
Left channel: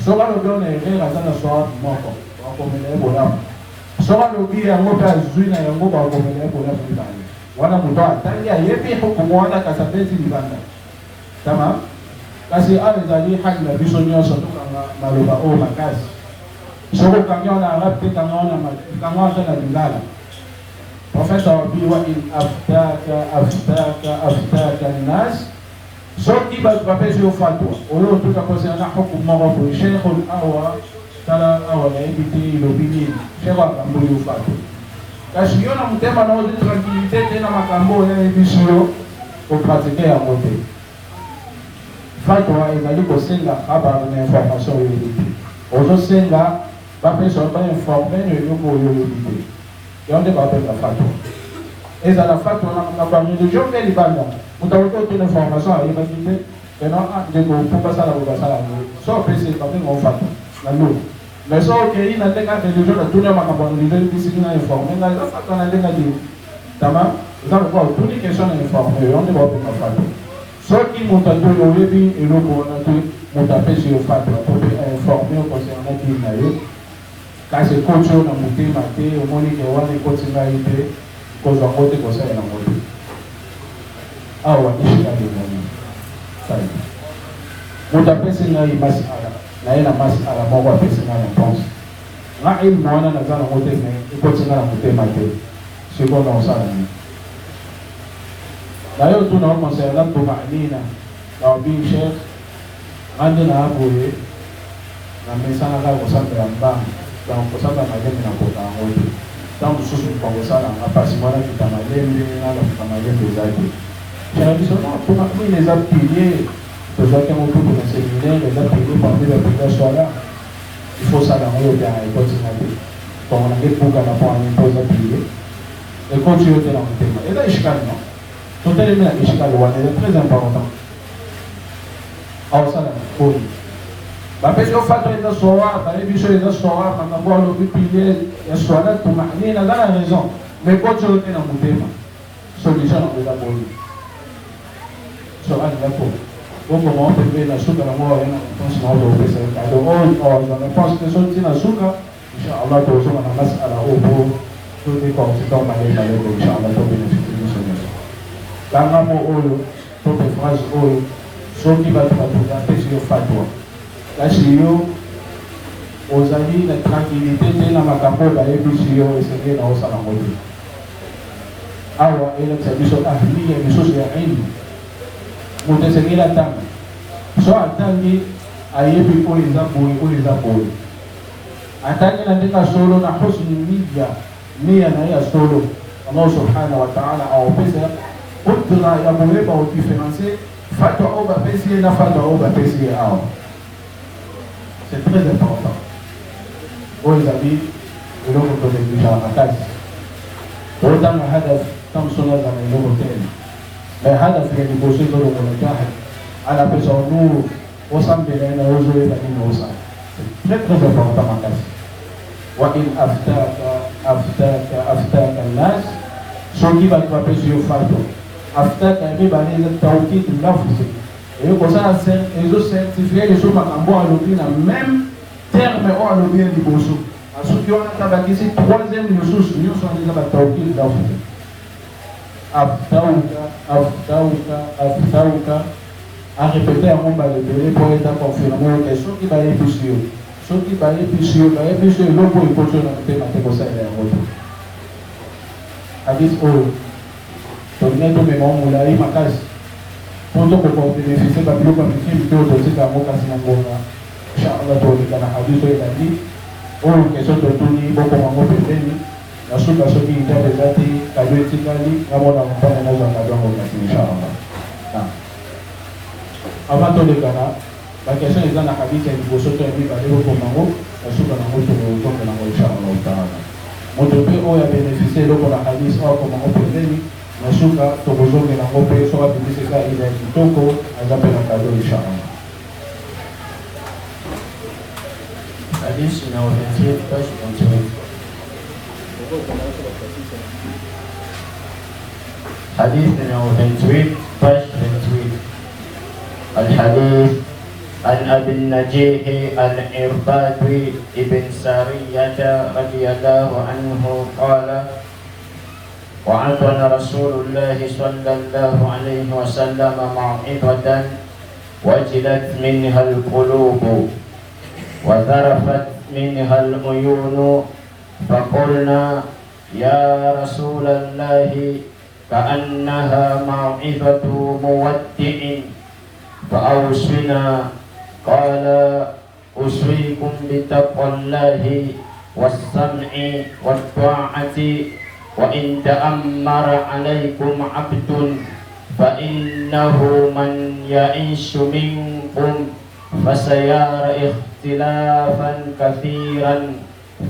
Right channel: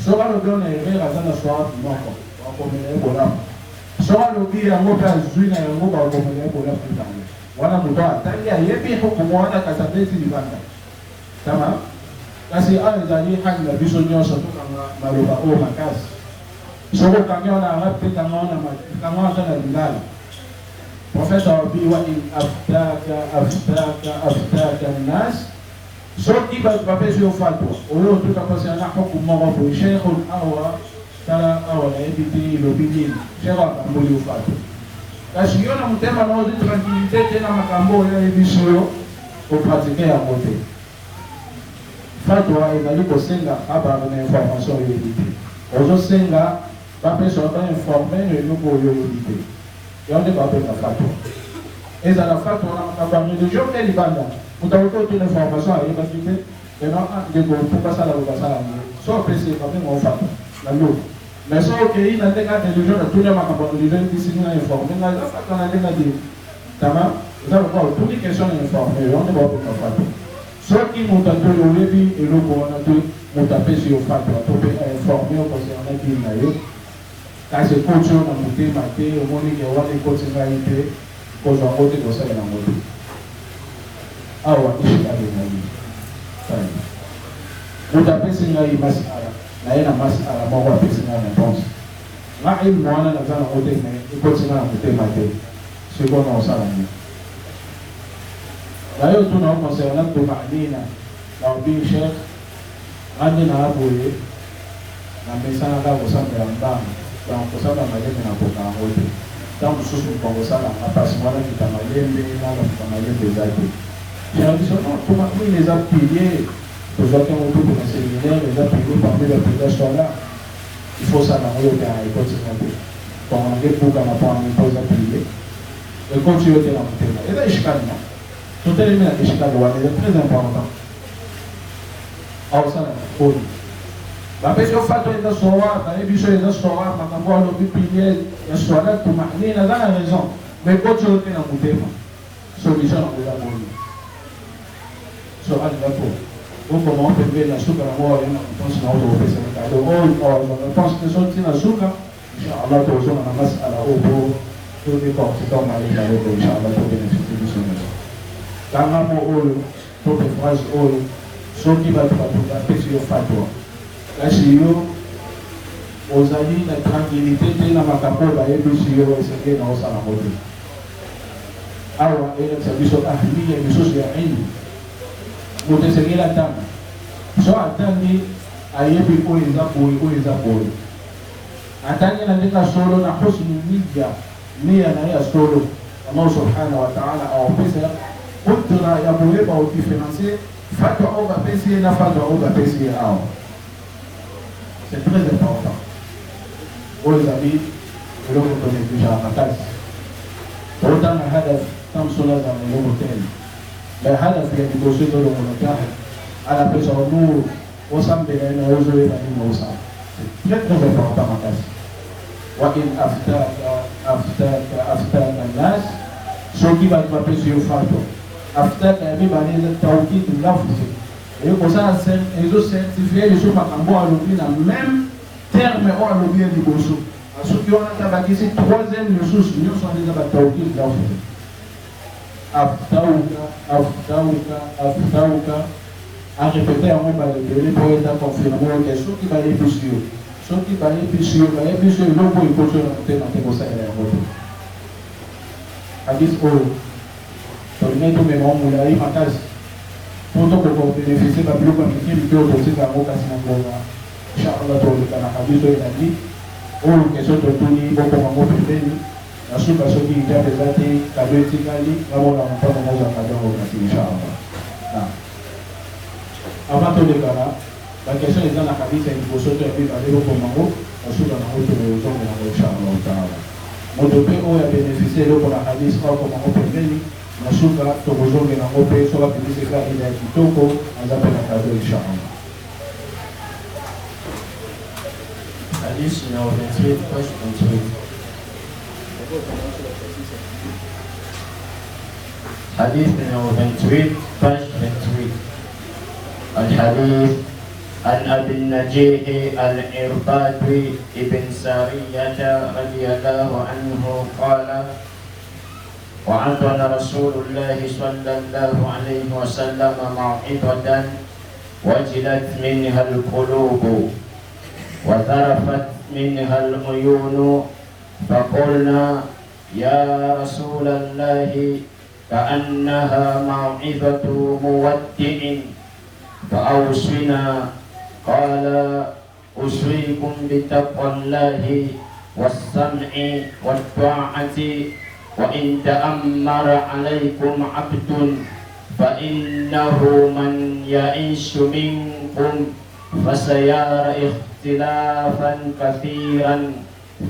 soki alobi na erreur aza na swabi moko wakomela ye bolamu soki alobi yango mpe azwi na yango bakomela ye bolamu mibale wana moto atangi ayebi hukumu wana kasi apesi libanda tama kasi awa ezali haki na biso nyonso tokanga maloba oyo makasi soko okangi wana arabe te kanga wana aza na lingala Prophète awabi wa in aftaka nas soki bato bapesi yo fatwa oyo otuka kosela na hukumu moko boye sheikhul awa tala awa nayebi te ilobi nini sheikh akamboli yo fatwa kasi yo na motema na ozwi tranquillité te na makambo oyo ayebiso yo opratike yango te fatwa ezali kosenga abana na information oyebi te ozosenga bapesa ba informe eloko oyo oyebi te yango nde babenga fatwa ezala fatwa na makambo ya religion mpe libanda utakuta otuna information ayebaki te ena ndeko mpo basala ko basala yango so opesi babenga ofatwa na lo mais so okei na ndenge ya religion natuni ya makambo ya religion ebisiki na informe na fatwa na ndenge adi tama eza lokwa otuni question na informe yango nde babenga fatwa soki moto atoli oyebi eloko wana te moto apesi yo fatwa po mpe ainforme yo concernaki na yo kasi ekoti yo na motema te omoni ke wana ekoti ngai te kozwa ngo te kosala nango te awa ishikali ngai kali moto apesi ngai masala na ye na masala moko apesi ngai réponse nga ilma wana naza nango te ekoti ngai na motema te sikoyo na osala nini na yo tuna okonsela tumanina na obi shek andi na aboye na misana ka kosambela mbanga donc kosala na lembe na kota yango te ntango mosusu mokongosala nga mpasi mwana fika na lembe nanga fika na lembe eza te tuna biso no tumanina eza pilier tozwaki yango tuku na séminaire eza pilier parmi ya pilier sola il faut sala yango yo te na ekotina te tomonake buka na po yango mpo eza pilier ekoti yo te na motema eza eshikalima totelemi na eshikali wana eza très important aosala oyo bapesi yo fatwa eza soir nayebi biso eza soir makambo alobi pilier ya soira tumanina aza na raison mais koti oyo te na motema solution nango eza boyi so alinga to okoma opembe na suka nango aena réponse na oyo opesa kado oyo na réponse ke so ntina suka inchallah tozonga na masala oyo po todekortika omalejayeko inchallah tobénéficie biso nyonso kangamo oyo tope phrase oyo soki bato bapesi yo fatwa kasi yo ozali na tranquillité te na makambo oyo bayebisi yo esenge na osala ngo te awa elakisa biso ahliya lisusu ya ilmu moto esengeli atanga so atangi ayebi oyo eza boye oyo eza boye atangi na ndenge ya solo na husnu niya na ya solo Allah subhanahu wa ta'ala awapesa kudra ya moyeba odifferencie fatwa oyo bapesi ye na fatwa oyo bapesi ye awa c'est très important oyo ezali eloko tonegligeaka makasi totanga hadaf tamsolazana eloko tene mais hadaf ya liboso ezolongonekaka anapesa onu osambela na ozoyeba nini osala c'est très très important makasi wa in aftaka nas soki bato bapesi yo fatwa aftaka mibale eza tawkid lafzi ekosala ezo certifie liso makambo alobi na même terme oyo alobi ye liboso soki wana tabakisi troisième lisusu nyonso wana eza batawkid lafzi aftauka arépéte yango balebele mpo eza confirme ote soki bayebisi yo soki bayebisi yo eloko ekoti na motema te kosala yango te hadis oyo tolingai tomema omolai makasi po tokokobénéficie babiloko ya mikili te oyo totika yango kasi na ngonga inchallah toleka na hadis oyo ezali oyo question totuni bokomango pembeni nasuka soki itabe eza te kado etikali namona mopana mozanga dongo kasi inchallah avant tolekana bakestion eza na hadis ya liboso to ya mibale bokomango nasuka nango tozonga nango inchallah taala moto mpe oyo abénéficie eloko na hadis oyo akomango pembeni nasuka tokozongela yango mpe soki abebiseka ila kitoko aza mpe na kado inchallah Hadis numéro 28, page 28. Hadis numéro 28, page 28. Al-Hadith عن أبي النجيح العرباض بن سارية رضي الله عنه قال وعظنا رسول الله صلى الله عليه وسلم موعظة وجلت منها القلوب وذرفت منها العيون فقلنا يا رسول الله كأنها موعظة مودع فأوصنا. قال أوصيكم بتقوى الله والسمع والطاعة وإن تأمر عليكم عبد فإنه من يعيش منكم فسيرى اختلافا كثيرا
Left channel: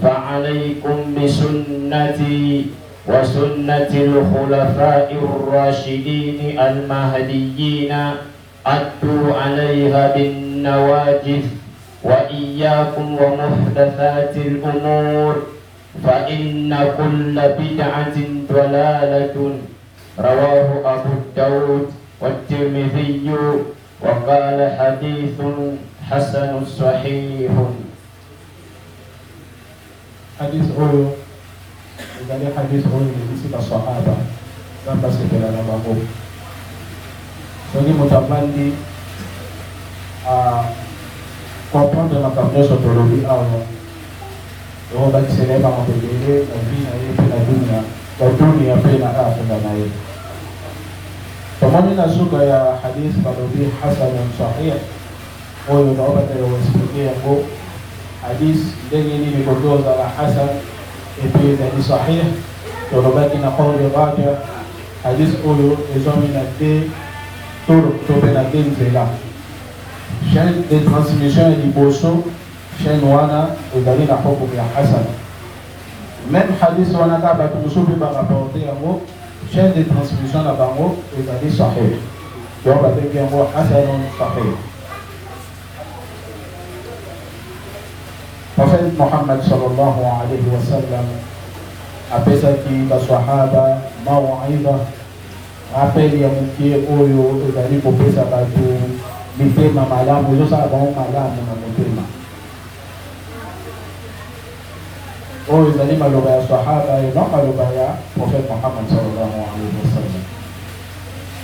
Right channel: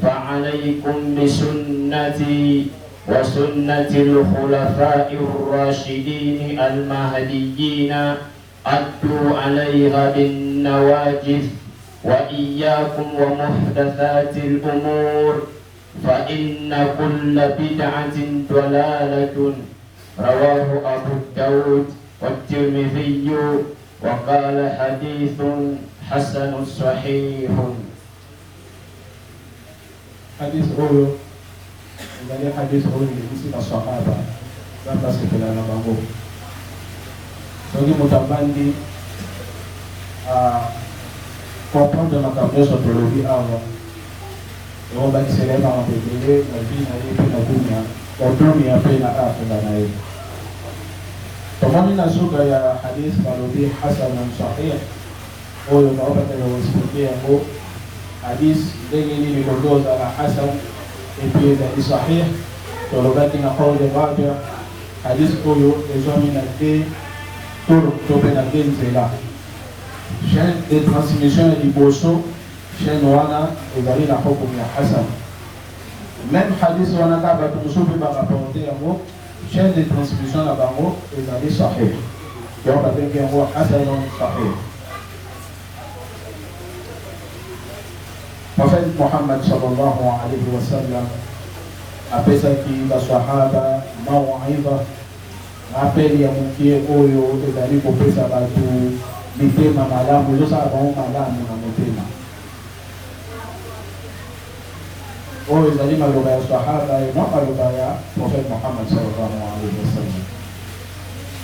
فعليكم بسنتي وسنة الخلفاء الراشدين المهديين عضوا عليها بالنواجذ وإياكم ومحدثات الأمور فإن كل بدعة ضلالة. رواه أبو داود والترمذي وقال حديث حسن صحيح. Hadis huyo ndio hadis huyo ni maswahaba kama sipela na mambo. Kwani mtabandi kwa upande wa kabisa tolori hawa ndio baki selema wa mbele na dini na dunia kwa dunia pena akhira na hiyo. Pamoja na sura ya hadith marudi hasan sahih huyo ndio wasikia ngo hadith yenye ni ndogo za hasan ipenda ni sahih tolobaki na kauli wake hadith huyo examine de tout na denzela chaîne de transmission du bosso chaîne wana ezali na hukumu ya hasan. Même hadith wana kaba tusubi ba rapporter yango chaîne de transmission la bango ezali sahih donc ba teke yango hasan sahih. Prophet Muhammad sallallahu alaihi wasallam apesa ki baswahaba mauidha apeli ya mkie oyo ezali kopesa batu mitema malamu ndio bango malamu na motema oyo ezali maloba ya sahaba na maloba ya Prophet Muhammad sallallahu alaihi wasallam.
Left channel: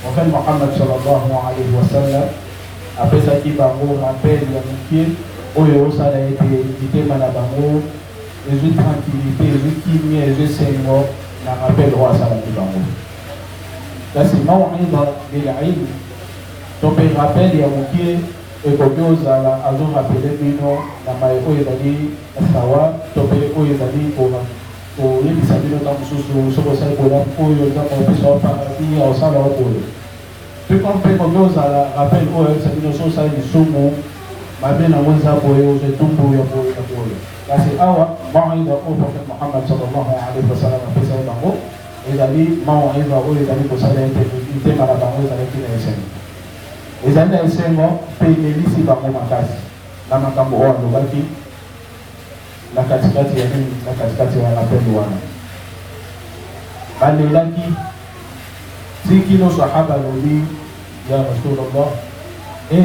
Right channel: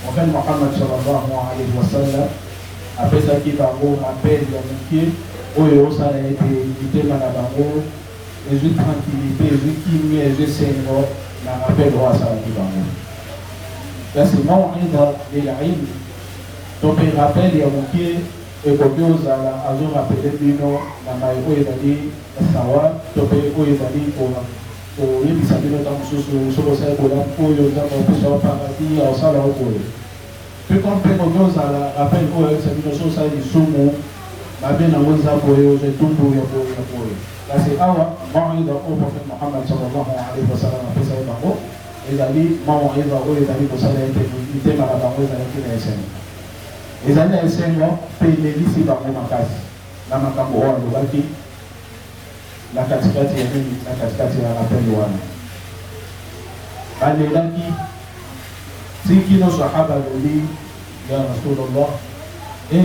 Prophet Muhammad sallallahu alaihi wasallam apesa ki bango apeli ya mkie oyo osala ete mitema na bango ezu tranquillité ezu kimia ezu sengo na apeli oyo asala ki bango. Basi mauidha lililm tope rappel ya mkie ekoki ozala azorapele bino na maeko ezali sawa tope oyo ezali koyebisa bino ta mosusu soki osali bolamu oyo eza mopusa wapangaki osala okoyo mpe kampe koki ozala rappel oyo oyebisa bino so osali lisumu mabe nango eza boye ozetumbu ya boye na boye. Kasi awa mauidha oyo Prophet Muhammad sallallahu alaihi wasallam apesa ye bango ezali mauidha oyo ezali kosala ete mitema na bango ezalaki na esengo ezali na esengo mpe elelisi bango makasi na makambo oyo alobaki na katikati ya nini na katikati ya wanapendo wana balelaki tikino sahaba loli ya Rasulullah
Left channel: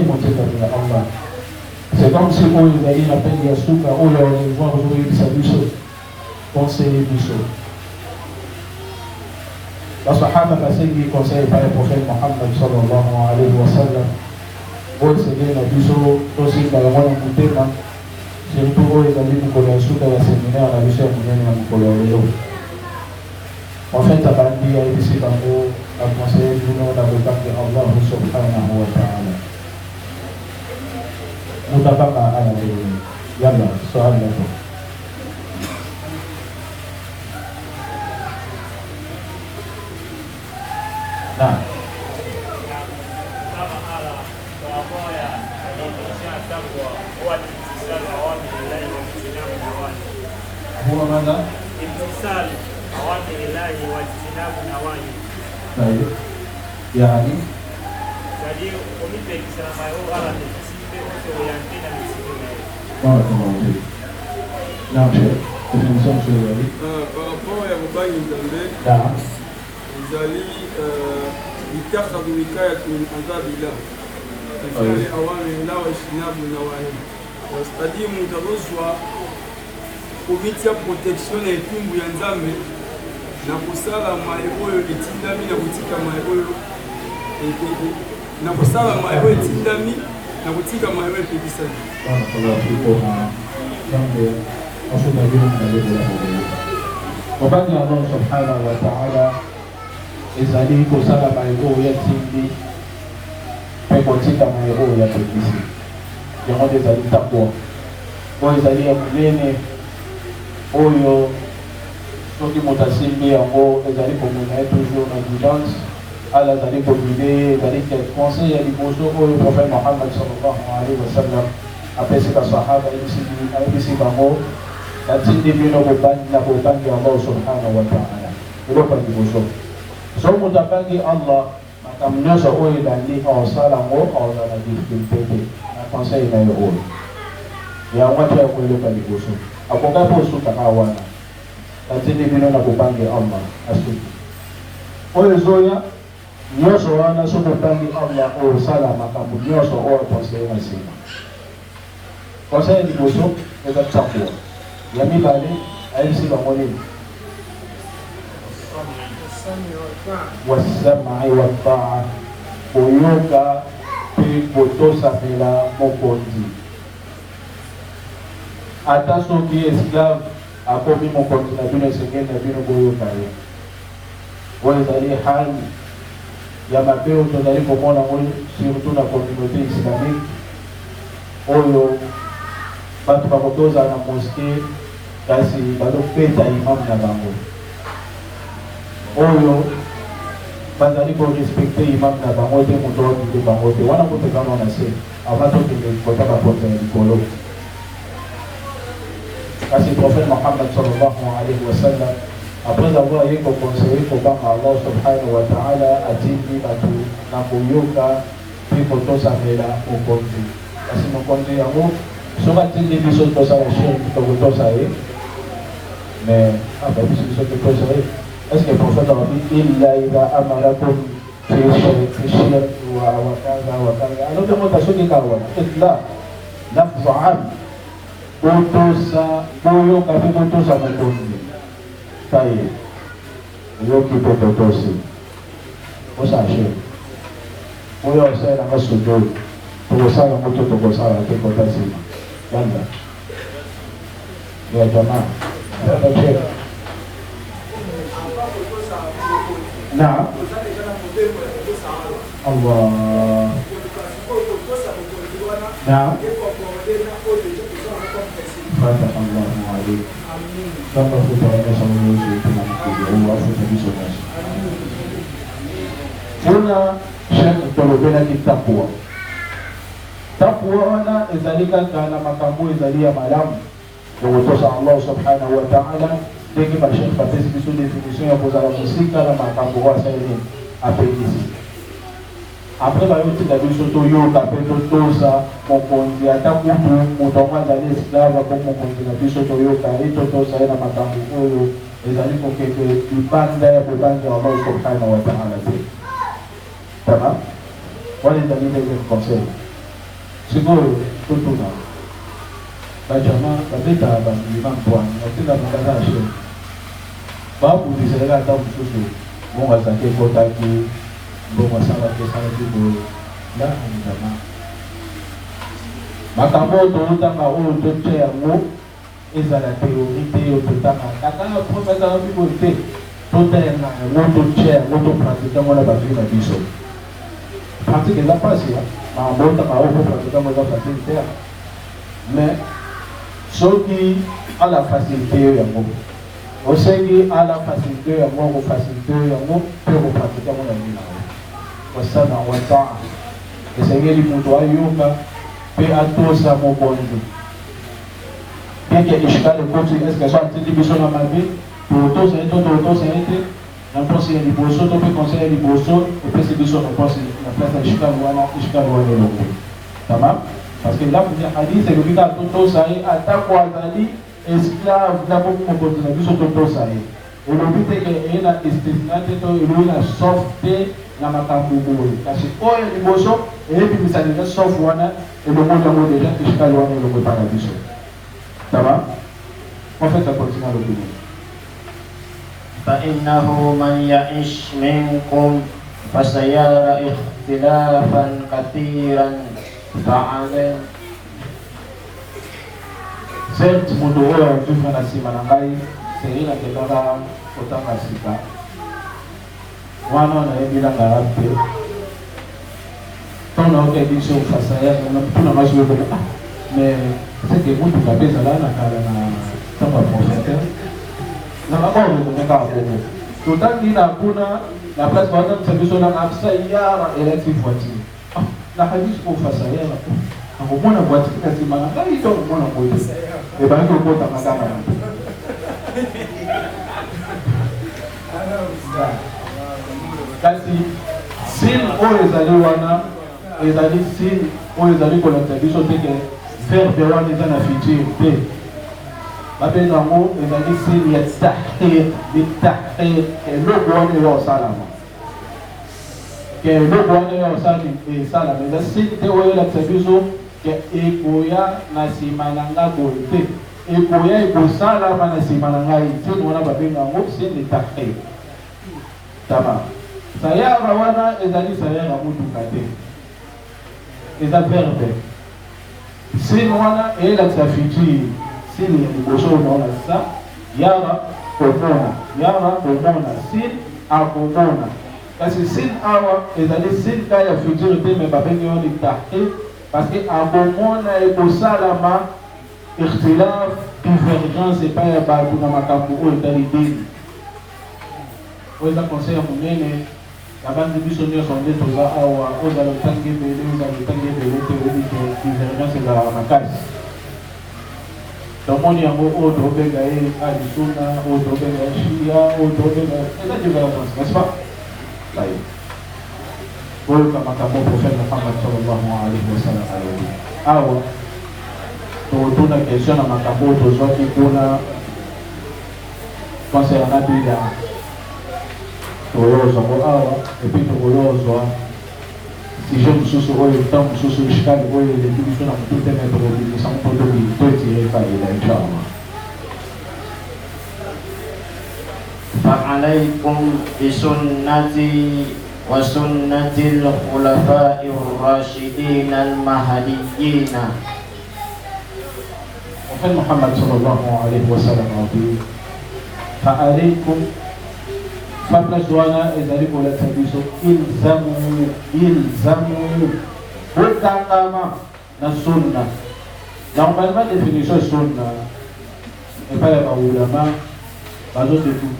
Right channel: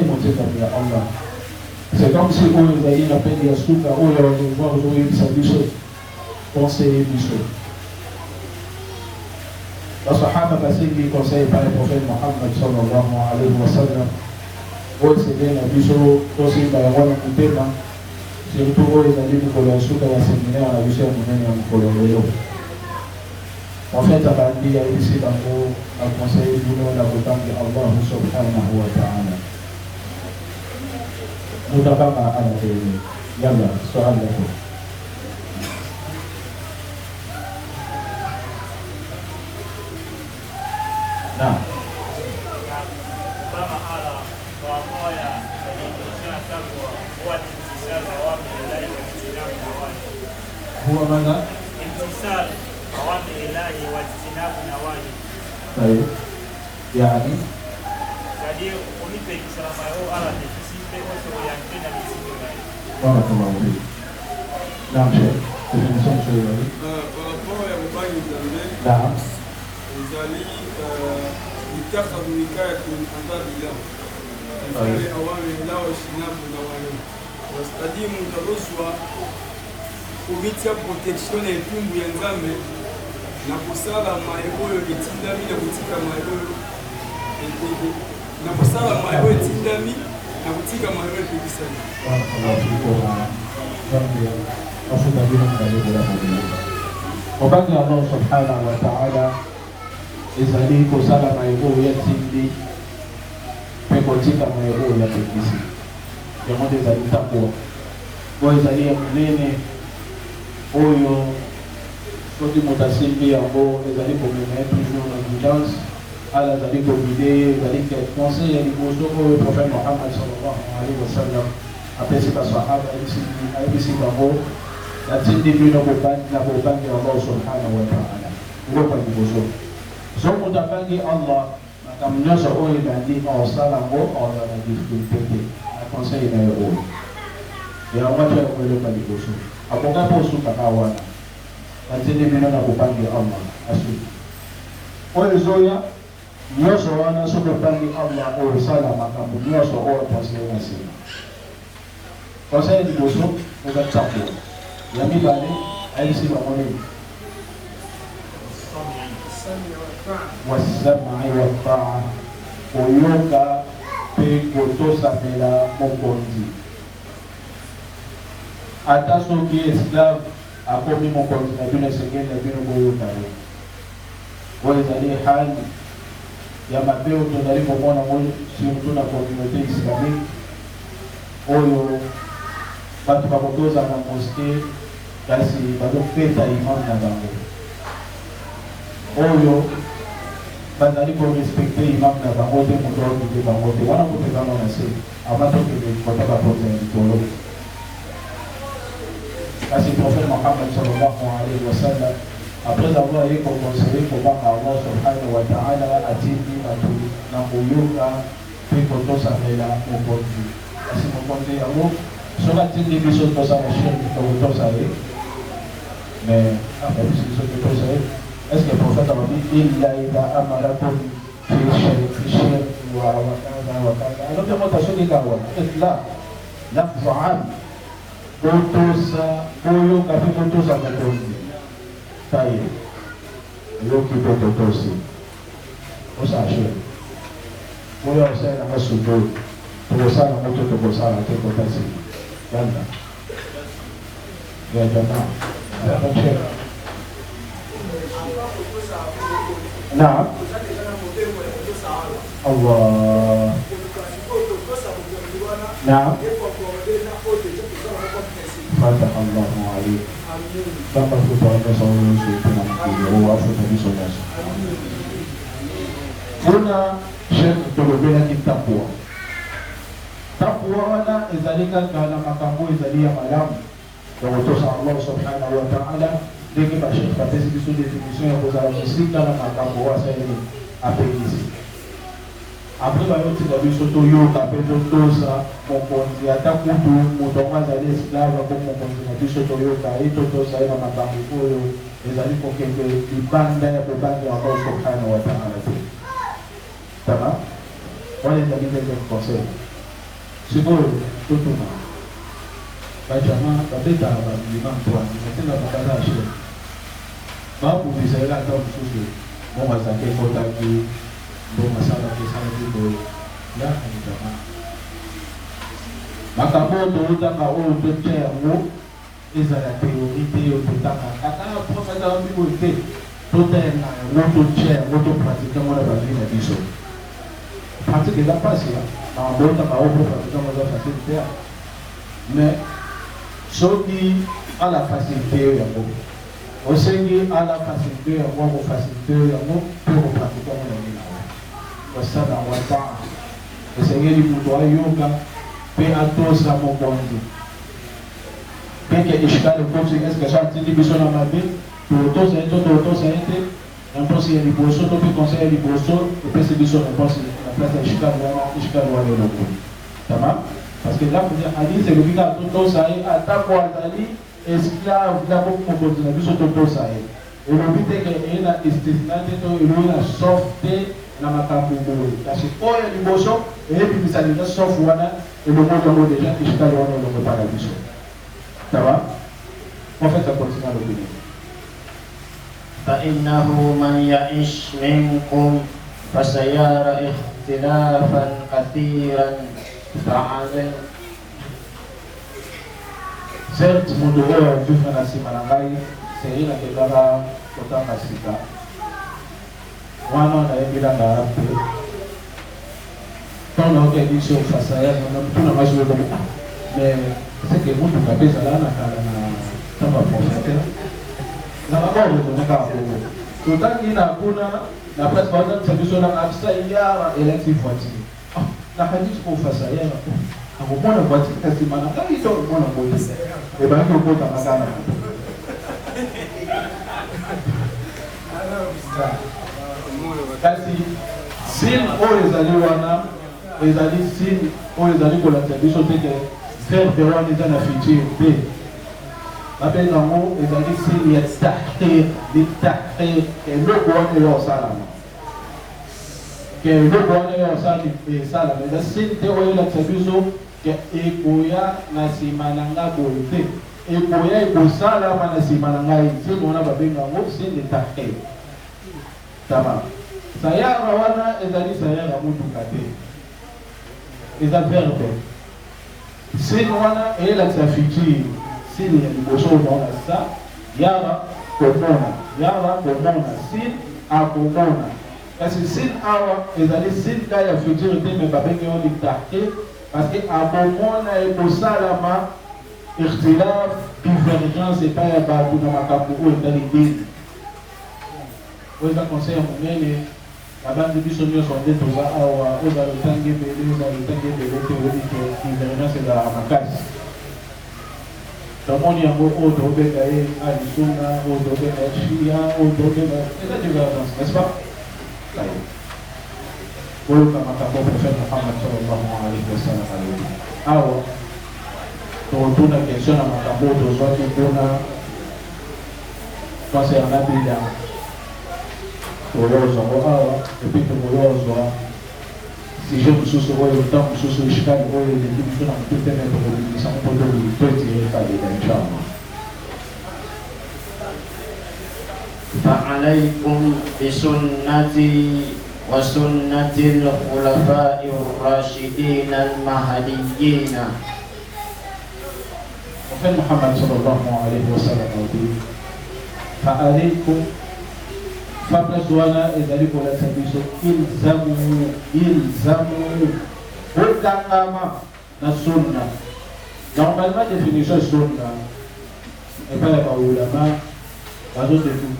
motekano ya Allah. C'est comme si oyo ezali na pende ya suka oyo walingwa ozoyebisa biso conseiller biso. Wasahaba kasili conseil par le prophète Muhammad sallallahu alaihi wasallam oyo sege na biso tosimba yango na motema surtout oyo ezali mikolo ya suka ya séminaire na biso ya monene ya mikolo ya lelo. En fait abandi ayebisi bango aconseille bino na kokambi Allah subhanahu wa ta'ala. Mutabaka ala yalla swali lako. Nah, huwa mana imtisal awamir Allahi wa ijtinabu nawahi. baik yani Jadi unipe kisama yao arate sipe wote wayakina misiyo. barakallahu fik. Naam Sheikh, kuhusu swali. Par rapport ya mobali nzambe Naam. ezali mikakadu mikayatu min azabillah ezali awamillah wa ijtinabu nawahi. C'est-à-dire mtu alozwa kuvitia protection na etumbu ya nzambe na kusala maye oyo etindami na kutika maye oyo na kusala maye oyo etindami na kutika maye oyo epekisami. Barakallahu fik. Jambo wasu dalili dalili ya Mungu. Mobagi Allah subhanahu wa ta'ala ezali kosala maiko ya tindi pe kotika maiko ya pekisi yango ezali takwa oyo ezali ya monene oyo soki moto asimbi yango ezali komema ye toujours na guidance ala ezali kobile ezali conseil ya liboso oyo prophète Muhammad sallallahu alaihi wa sallam apesi basahaba ayebisi bango natindi bino na bobangi Allah subhanahu wa ta'ala eloko liboso so moto abangi Allah makambo nyonso oyo ebandi aosala yango aozala na difficulté te na conseil na yo oyo yango ati ya koeloka liboso akoka mpo osukaka wana natindi bino na bobangi Allah asuki oyo ezoya nyonso wana soki obangi Allah osala makambo nyonso oyo conseil na nsima conseil liboso ezali takwa ya mibale ayebisi bango nini wasamai wataa koyoka mpe kotosamela mokonzi ata soki esclave akomi mokonzi na bino esengeli na bino boyoka ye oyo ezali hali ya mabe oyo tozali komona ngo surtout na communauté islamique oyo bato bakotozala na moske kasi bazopeta imam na bango oyo bazali korespecte imam na bango te moto odike bango te wana kotekano na se avant tokende kota bakonza ya likolo kasi prophète Muhammad sallallahu alaihi wa sallam après avoir ye kokonseye kobanga Allah subhanahu wa ta'ala atindi bato na koyoka mpe kotosamela mokonzi kasi mokonzi yango soki atindi biso tosala shirki tokotosa ye mais ababisi biso totosa ye est-ce que le prophète a dit illa ida amarakum fi shirki wa kaza wa kaza alors que moi soki kawa illa lafzu am kotosa koyoka mpe kotosa mokonzi taye oyoki mpe totosi osashe oyo osaelanga sujud tokosala yango to tokosala te kotasima yanda ya jamaa atacheka na Allah na fata Allah ma'ali kama tutaendesha ununuzi tunamkuja wafu tulisonasha kuna shekh tolobelaki takwa takwa wana ezali kaka na makambo ezali ya malamu ya kotosa Allah subhanahu wa ta'ala ndenge bashekh bapesi biso définition ya kozala mosika na makambo wasaleli apekisi après bayotika biso toyoka mpe totosa mokonzi ata kutu moto yango azali esclave ako mokonzi na biso toyoka ye totosa ye na makambo oyo ezali kokende libanda ya bobangi ya Allah subhanahu wa ta'ala te tama wana ezali ndenge conseil sikoyo totuna bajama babeta bamima mpwani batinda bakala ashe babudisaka ata mosusu bongo azaki ekotaki bongo asalaki esalaki boye lakamujama makambo oyo tootanga oyo totya yango ezala priorité oyo totanga kaka posazala biboye te totalenga yango totya yango topratike yango na bavili na biso pratique eza mpasi makambo otanga oyo popratike yango eza facile te mais soki ala facilité oyo yango osengi ala facilité oyo yango akofacilité oyo yango mpe kopratike yango na bino wasana wataa esengeli moto ayoka mpe atosa mokonzi peke ishkali ekoti eske so atindi biso na mabe totosa ye to totosa ye te na mposi ya liboso to mpe conseil ya liboso opesi biso na mposi na place ya ishkali wana eloko tama parce que là ya hadith elobi kaka totosa ye atako azali esclave na bomo mokonzi na biso totosa ye elobi teke eye na istisna te to elobi na sauf te na makambo boye kasi oyo liboso eyebimisa deja sauf wana elongo yango deja ishkali wana elongo epaka biso taba en fait ça continue à l'opinion فإنه من يعش منكم فسيرى اختلافا كثيرا فعلم certes moto oyo ajufa na nsima na ngai sehila kebala kotanga sika wana na yebila na rape tona oke biso fasa ya tuna maswe ko mais c'est que mutu kabisa la kala na tamba prophète na mabao ko naka ko totangi na kuna na place kwa sababu biso na afsa ya electric voiture na hadisi ko fasa ya na ko mwana voiture kasi mana ngai to mwana moyo e ba ko kota makana kasi sin oyo ezali wana ezali sin oyo ezali kolakisa biso teke verbe wana eza na futur te babenga yango ezali sin ya tahir litahir eloko wana eza kosalama ke eloko wana eza kosalama eza sin te oyo elakisa biso ke ekoya na nsima na nga boye te ekoya ekosalama na nsima na ngai sin wana babenga yango sin litahir tama sayara wana ezali sayara mutuka te eza verbe sin wana eyelakisa futur sin ya liboso onaona sa yara komona sin akomona kasi sin awa ezali sin ka ya futur te me babenge yo litahir parce que akomona ekosalama ikhtilaf divergence epai ya bato na makambo oyo etali dini oyo eza conseil ya monene nabandi biso nyonso nde toza awa ozala etangi ebele te oyebi to divergence ezalaka makasi tomoni yango oyo tobenga ye alisuna oyo tobenga ye shia oyo tobenga eza divergence n'est-ce pas ayo oyoka makambo prophète Muhammad sallallahu alaihi wasallam awa totuna question na makambo tozwaki kuna conseil ya nabila toyozwa awa epi tokoyozwa sije mosusu oyo ntango mosusu ishikani oyo eleki biso na motu te na tokobimisa mpo totire kadeba inchallah فعليكم بسنتي وسنة الخلفاء الراشدين المهديين. وفي محمد صلى الله عليه وسلم فعليكم Fabla Joana ezali kolekisa biso ilzamu botangama na sunna. Normalement définition sunna epai ya baulama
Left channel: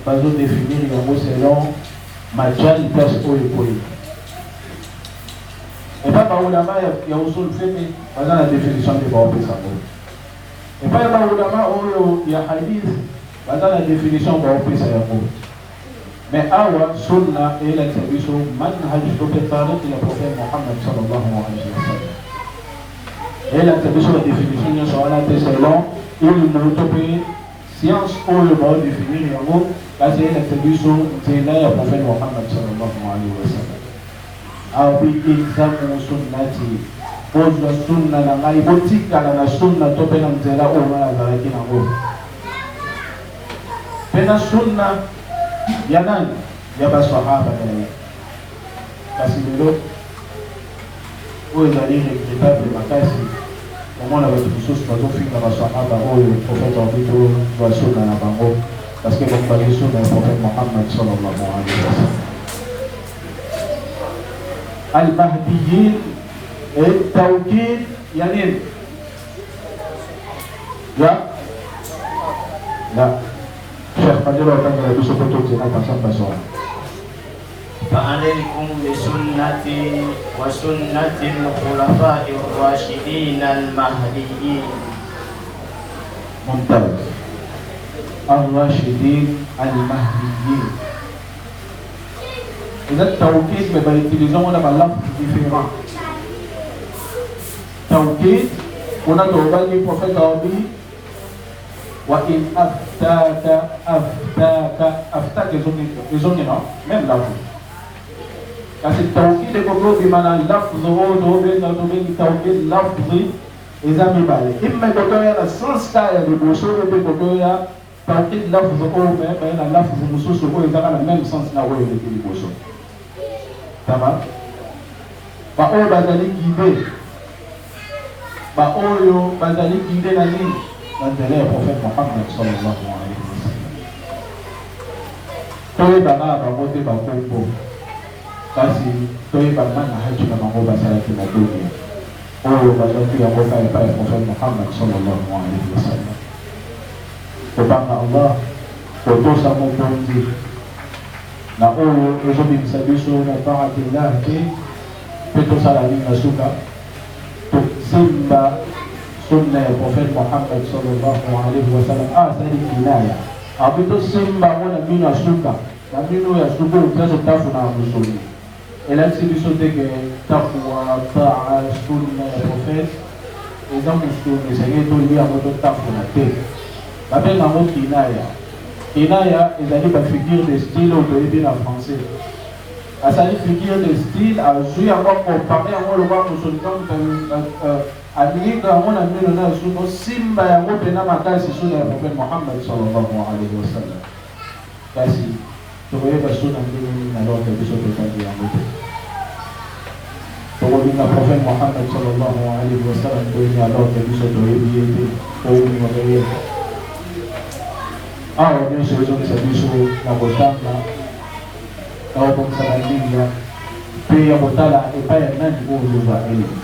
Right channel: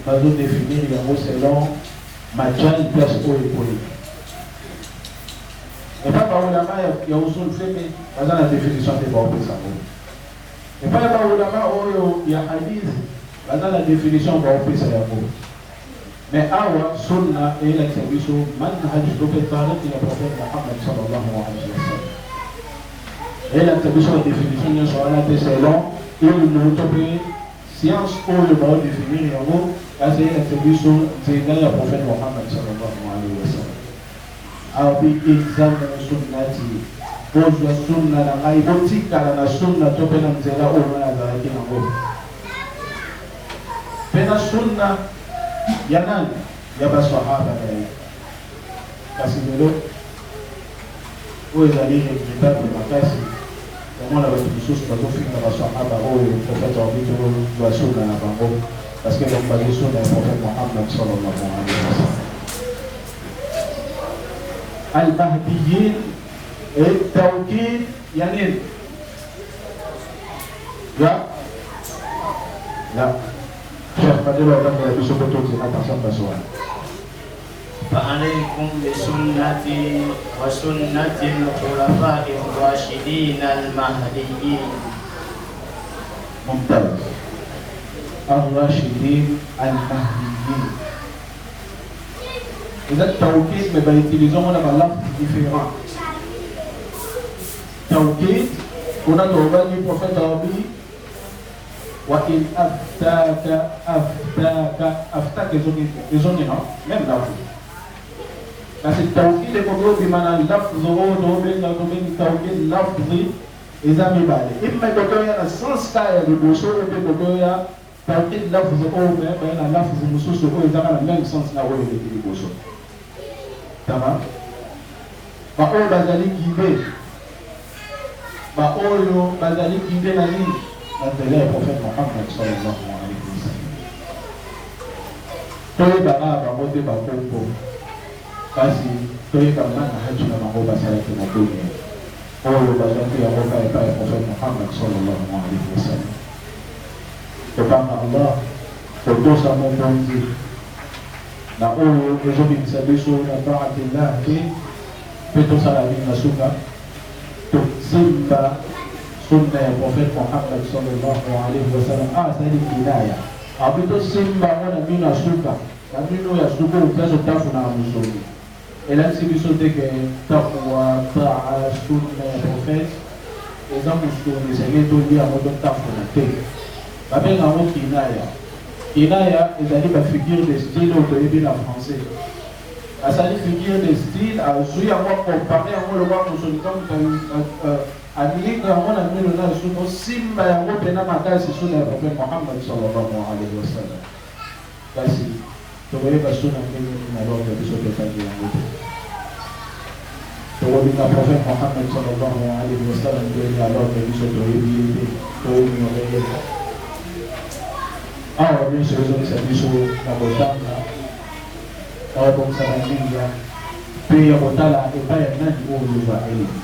bazodefinir yango selon majali place oyo ekoyi. Epai baulama ya usul fiqh baza na définition te baopesa yango. Epai ya baulama oyo ya hadith baza na définition baopesa yango. Mais awa sunna est l'exhibition manhaj prophète de la prophète Muhammad sallallahu alayhi wa sallam. Et l'exhibition de définition sur la selon il montre science ou le mot définir yango parce que l'exhibition de la prophète Muhammad sallallahu alayhi wa sallam. Abi examu sunnati bozo sunna na ngai botika na sunna to pena nzela o na zalaki nango. Pena sunna ya nani? Ya baswahaba ya kasi lelo oyo ezali regrettable makasi omona bato mosusu bazofinga baswahaba oyo prophète wabito basuna na bango parce que bakobaki suna ya prophète Muhammad sallallahu alayhi wa sallam. Al-Mahdiyin et tawkid ya nini? Ya فعليكم بسنتي وسنة الخلفاء الراشدين المهديين. ممتاز. الراشدين المهديين. إذا التوكيد بيتيليزون ولا بلفظ différent. توكيد هنا توباني بروفيت أبي وإن أفتاك يزوني non même là parce que توكيد يقولوا بمعنى لفظ وضوء بين توكيد لفظ إذا مبالي إما يقولوا السنس كايا بمشور يقولوا توكيد لفظ أو بين لفظ مصوص أو إذا كان même sens na wole بمشور تمام بقول bazali guidé baoyo bazali guidé na nini? L'intérêt du prophète Muhammad sallallahu alayhi wa sallam. toyebaka bango te bakombo kasi toyebana na haki na bango basalaki na dunia oyo bazwaki yango kala epai ya prophète Muhammad sallallahu alaihi wasallam. Tobanga Allah totosa mokonzi na oyo ezobimisa biso na taatillah te mpe tosala linga suka tosimba sunna ya prophète Muhammad sallallahu alaihi wasallam asali kinaya ape tosimba ngo na mino ya suka na mino ya suka oplaso tafuna ya musuni elakisi biso te ke tafuwa taa sunna ya prophète eza musuni ezali tolia yango totafuna te babenga yango kinaya. Kinaya ezali bafigure de style oyo toyebi na français asali figure de style azwi yango kompare yango loba musuni alingi yango na mino na suno simba yango mpena makasi suna ya prophète Muhammad sallallahu alaihi wasallam kasi tokoyeba suna ndenge nini na lorde biso totali yango te tokolinga prophète Muhammad sallallahu alaihi wasallam ndenge na lorde biso toyebi ye te toyebinokoyeba awa nyonso ezokisa biso na kotanga na kotokisa balinga mpe ya kotala epai ya nani oyo ozwa eleki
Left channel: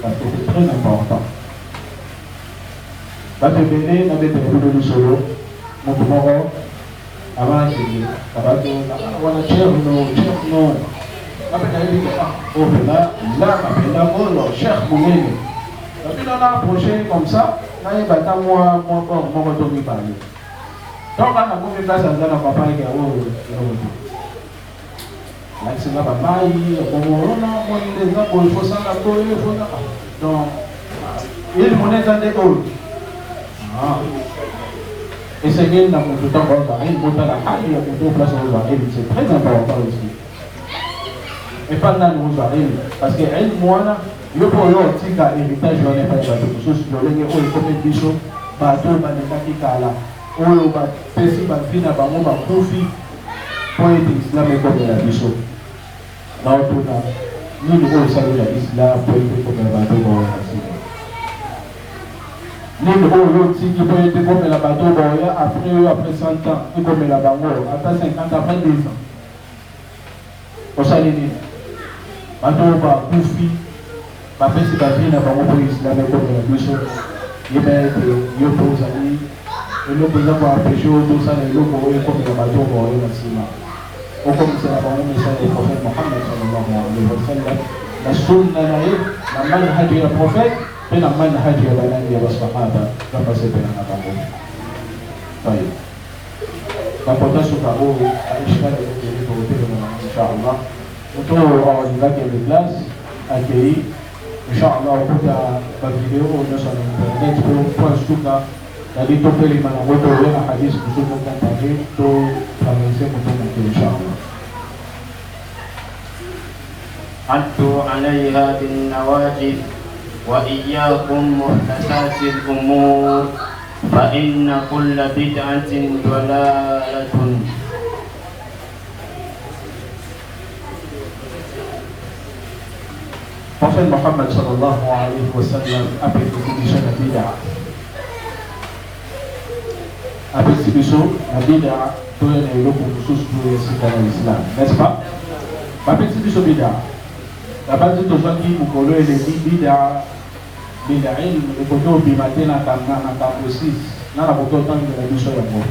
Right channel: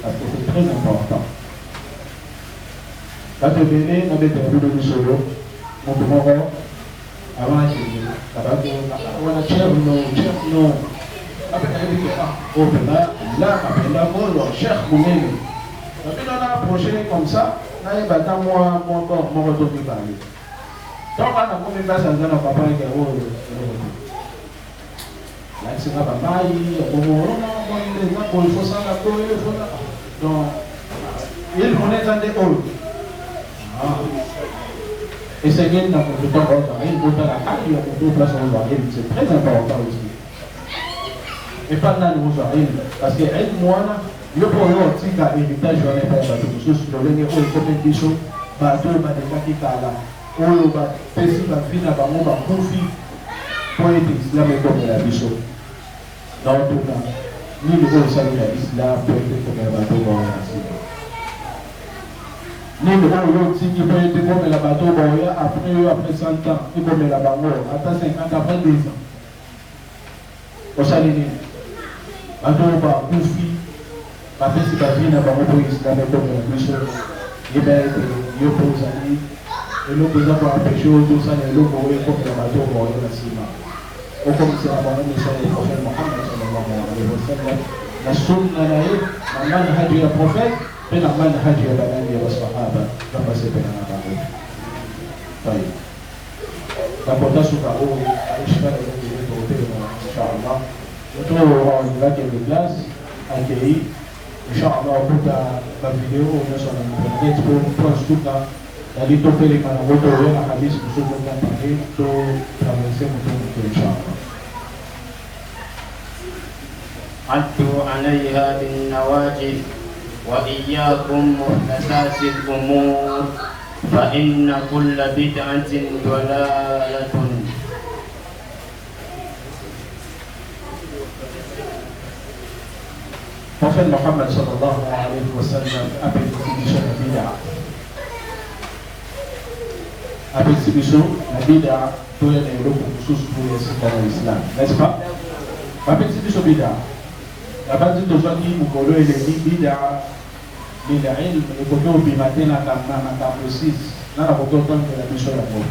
parce que c'est très important. Bato ebele na bete ya bino lisolo moto moko abandi wana cherno bapena yebi opela la bapenda ngolo cheikh monene bapena na approché comme ça nayeba ta moko tomibale toka na komi place aza na papa eke oyo lakisinga bamai ekongorona eza boye fosanga boye fona donc il moneza nde oyo esengeli na moto ntango ozali botala hali ya moto place ozali c'est très important aussi epa nani ozali parce que elmu wana yo mpo oyo otika héritage wana epai bato mosusu lolenge oyo ekomeli biso bato balekaki kala oyo bapesi bavi na bango bakufi po ete islam ekomela biso naotuna nini oyo esali ya islam po ete ekomela bato baoya sika nini oyo otiki po ete ekomela bato baoya apres oyo apres 100 ans ekomela bango ata 50 après 2 ans osali nini bato bakufi bapesi bavi na bango po islam ekomela biso yebeete yo mpo ozali eloko eza koapeshe oyo tosala eloko oyo ekomela bato baoya na nsima okomisela bango misala ya prophète Muhammad sallallahu alaihi wasallam na sunna na ye na manhaji ya prophète mpe na manhaji ya balangi ya basahaba bapasepena na bango tayi bapota suka oyo aishikana elokotokopelena inchallah moto oyo awalingaki ele classe akei inchallah okuta bavideo oyo nyonso na internet mpe mpo suka yali topelema nango toya na hadisi mosusu mokompane to traverse moto moto inchallah عدوا عليها بالنواجذ وإياكم محدثات الأمور فإن كل بدعة ضلالة. Prophet Muhammad sallallahu alaihi wasallam amefundisha bid'a. Amefundisha bid'a tuwe na Europe kuhusu ya Islam. N'est-ce pas? Amefundisha bid'a. La base de Jaki Mukolo et les bid'a ilmu ni koto bimate na kamposis na koto tangu na misho ya Mungu.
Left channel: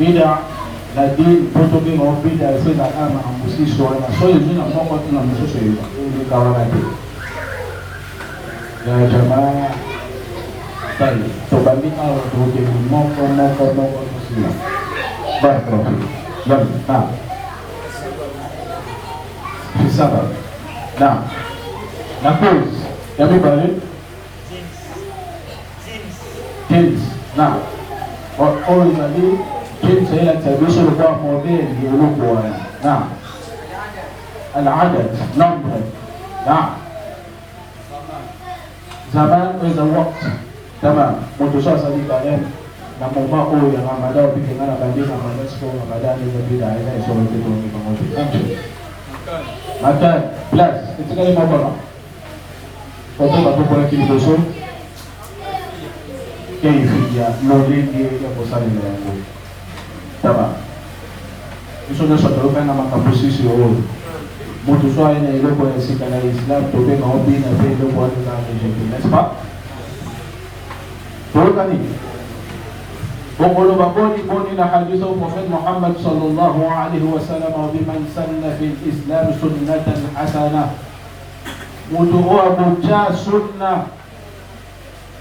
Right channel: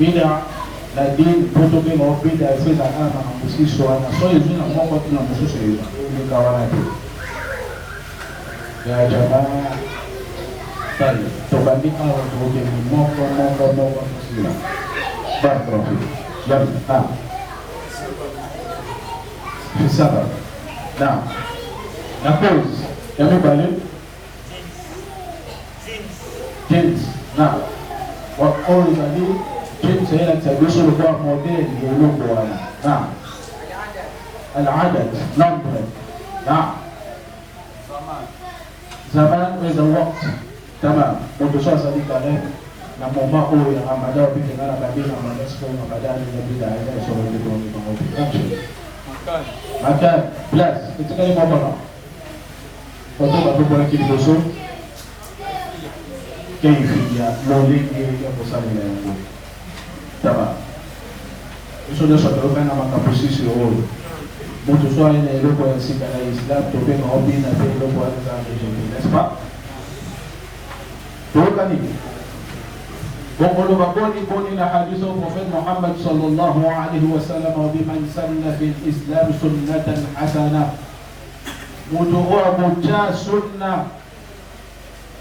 Bid'a la dini protoke na bid'a efeza kama kamposis wana so yuzina moko tuna msusu ni kawarati ya jamaa tali tobandi awa tumoke moko kusila baraka ya Saba. Now, la cause, everybody, James. Now, what all is a new James here at the Bishop of Modern, you look for now. And other number. Now, Zaman is a walk. Tama, Motusha Sadiqa, na moma oyo ya Ramadan ukitengana badina na Mexico na badani ya bila ya sio kitu pamoja. Maka plus ketika ini apa? Foto batu bola kibidoso. كيفية نولين يقصد الأمور طبعا Usually, so to open a position or Mutuso in a local and secondary Islam to be not being a very low water regime. That's fine. Totally. وقل بقولي قولنا حديث الرسول محمد صلى الله عليه وسلم وبمن سن في الإسلام سنة حسنة مدعو بجا سنة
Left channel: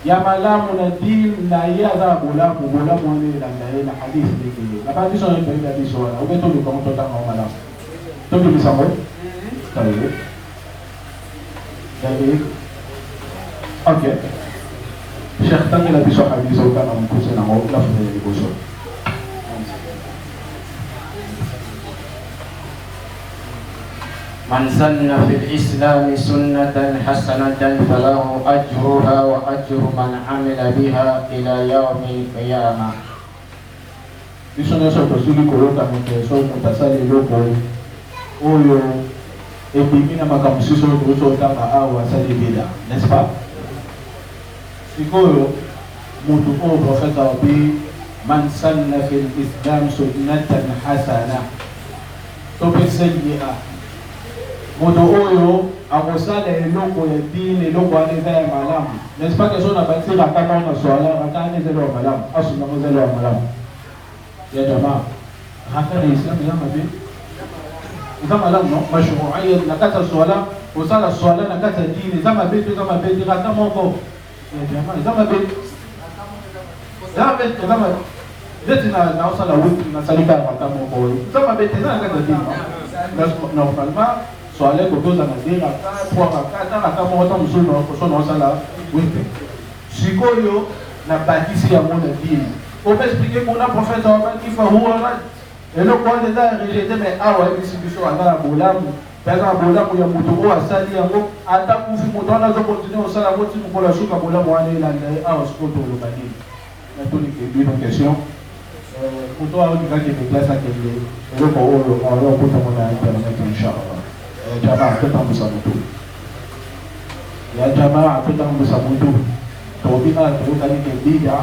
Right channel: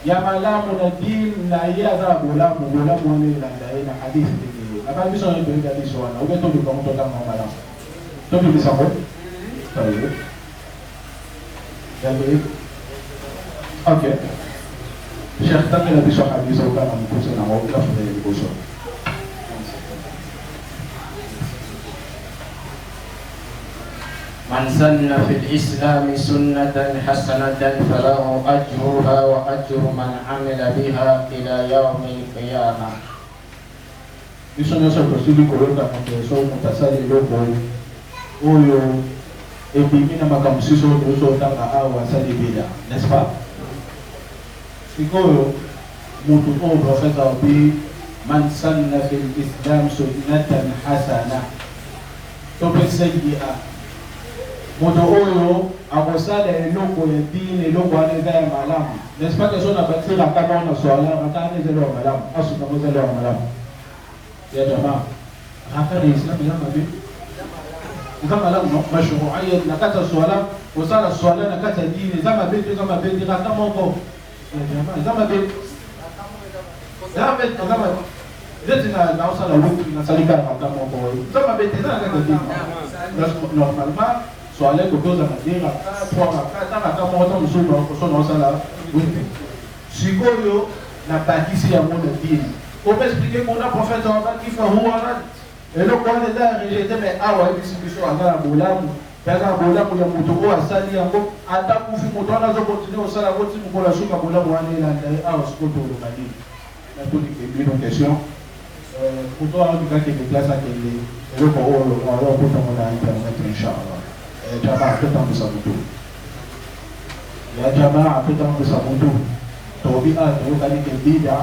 يا ملام الدين لا يذهب غلام وليلا حديث نبغى نسوي بين حديث وانا وبيتو لكم تطلع ملام تبي بيسمو طيب اوكي Syekh tadi lagi soal di Saudi Arabia kusen nama Allah sudah digosok. Man sanna fil Islam sunnatan hasanatan falahu ajruha wa ajru man amila biha ila yaumil qiyamah. Isono soto sigi kolota mke so mutasali loko uyo epimina makamsiso kutoka awa sali bila. N'est-ce pas? Sikoyo mutu o profeta bi man sanna fil Islam sunnatan hasana to besayya mutu oyo awasala eloko ya dini eloko anaweza ya malamu n'est-ce que sona batira kama una swala hata zelo malamu asu na zelo malamu ya jamaa hata ni Islam kama vipi kama malamu no mashru'iyya nakata swala usala swala nakata dini kama vipi kama moko kama beti na usala wote na salika kwa moko kama beti na kaka dini normalement swala kutoza na dira kwa kama watu mzuri kusoma usala wote sikoyo na bakisi ya monde dini on peut expliquer pour la prophète qui fa huwa et le quoi des a rejeté mais awa distribution à bolamu pesa bolamu ya mutu asali yango ata kufi mutu anazo continuer usala wote pour la shuka bolamu wale la awa sikoto lobani na tuni une question pour toi on va te déplacer à le pour on peut prendre un peu inchallah jamaa tutambu sabutu ya jamaa tutambu sabutu tobina tukani kibida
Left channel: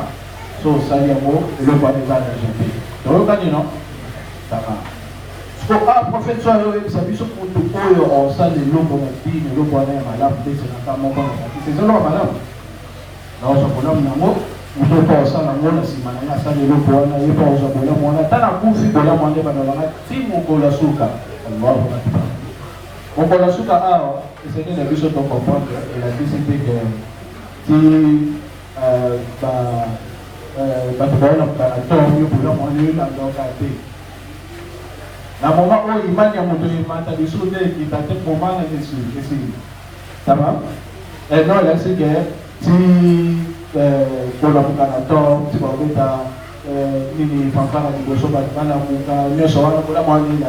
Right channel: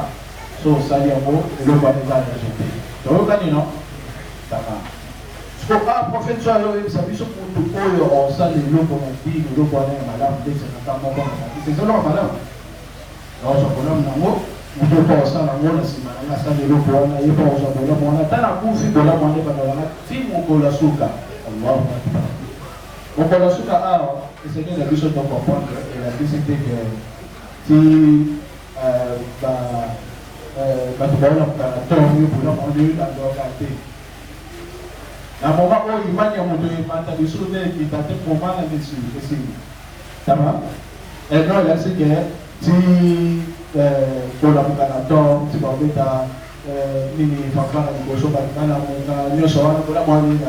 so sali yango le kwa meza rejeté tokani no jamaa so a prophète soit ça biso kutu oyo on sali loko na dini loko na malamu pesa na kama kwa c'est ça lo malamu na so kono nango mtoto osala ngona simana ya sali loko na yepa ozo bola mwana tana kufi bola mwana bana wana timu kola suka Allahu akbar on kola suka ao c'est que les biso to comprendre et la décidé que si batubaona mkanatongo yubula mwanuyula ndokate na moma oyo ibanya mutu yimata bisune kitate komana nesi tamam et non là c'est que si kola mkanatongo tibawita nini fafana kiboso bakala muka nyesho wana kola mwanuyula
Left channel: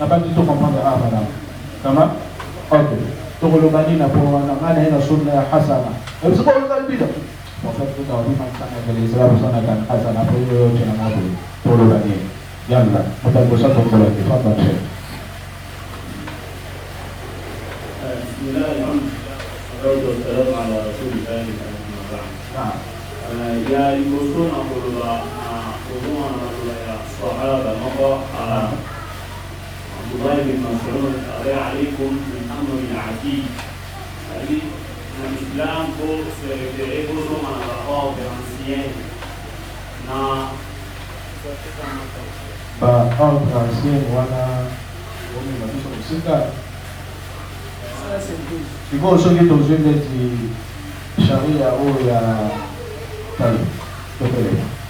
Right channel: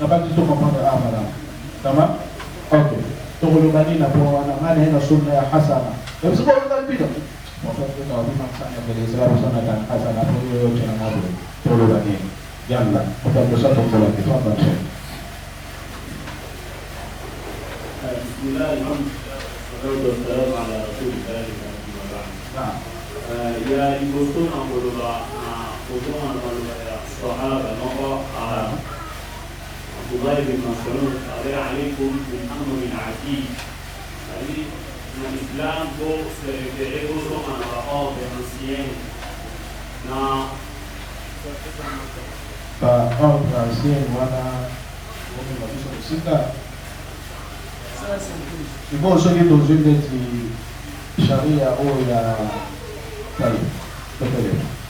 na pas du tout comprendre abana tamam ok tokoloba nini po maana ina sunna hasana hebu kwa bid'a Maksud kita di mana dari saya bersama dengan Hasan Abu Yusuf Nabi tolong lagi jangan kita bersama tolong itu apa sih? Bismillahirrahmanirrahim. Wassalamu ala rasulillah. Ya ibusun amulullah, amulullah amulullah. Sahaba nawa Abdullah bin Mas'ud alaikum min amri al-atid. Jadi l'Islam pour se référer aux hommes en rapport de l'ancien. Ordre ancien, voilà, on est là sur le site. Il faut aussi dire aux yeux de Sharia ou la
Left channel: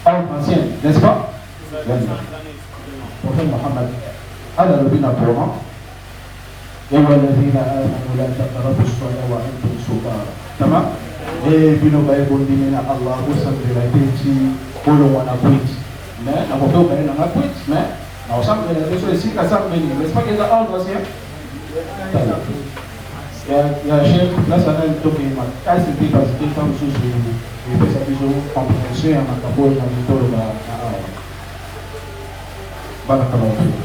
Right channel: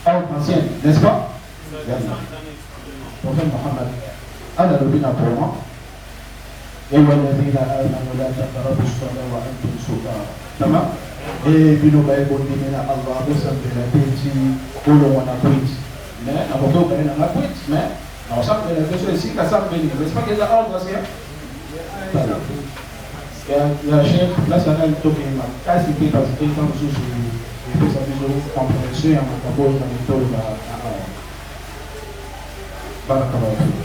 ordre ancien, n'est-ce pas? Prophète Mohammed, Allah le bin Abdullah. أيها الذين آمنوا لا تقربوا الصلاة وأنتم سكارى تمام بنو بايبول من الله وصل إلى بيتي قولوا وأنا كويس ما نقولوا بين أنا كويس ما نوصل إلى بيتي سيكا سام بيني بس ما كذا أول وصية يا شيخ لا سنة توكي ما كاسي كي بس كي كم سوسي بس أبيزو كومبريشن أنا كقول أنا تقول بارك الله فيك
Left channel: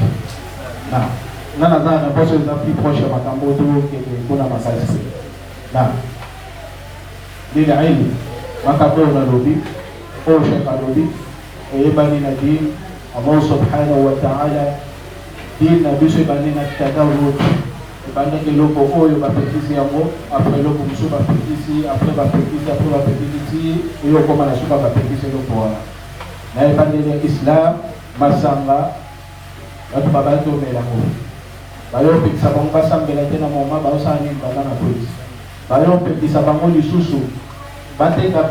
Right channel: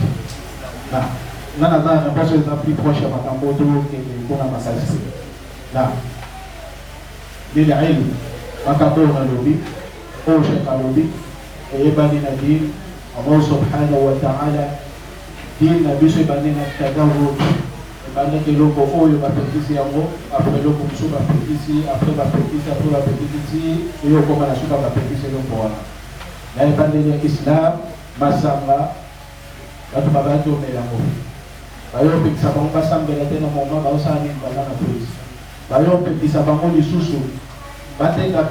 نعم Nana zana ambazo za plus proche ya makambo tu kuna masasi. Na bila ilmu makabona lobi o sheka lobi e bani na din Allah subhanahu wa ta'ala din na biso bani na tagawut bani ke loko oyo bapetisi yango après loko musu bapetisi après bapetisi yo koma na suka bapetisi loko wana na ebandeli ya Islam basanga batu babaki omelango bayopekisa bango basambela te na moma baosala nini banda na polisi bayopekisa bango lisusu bateka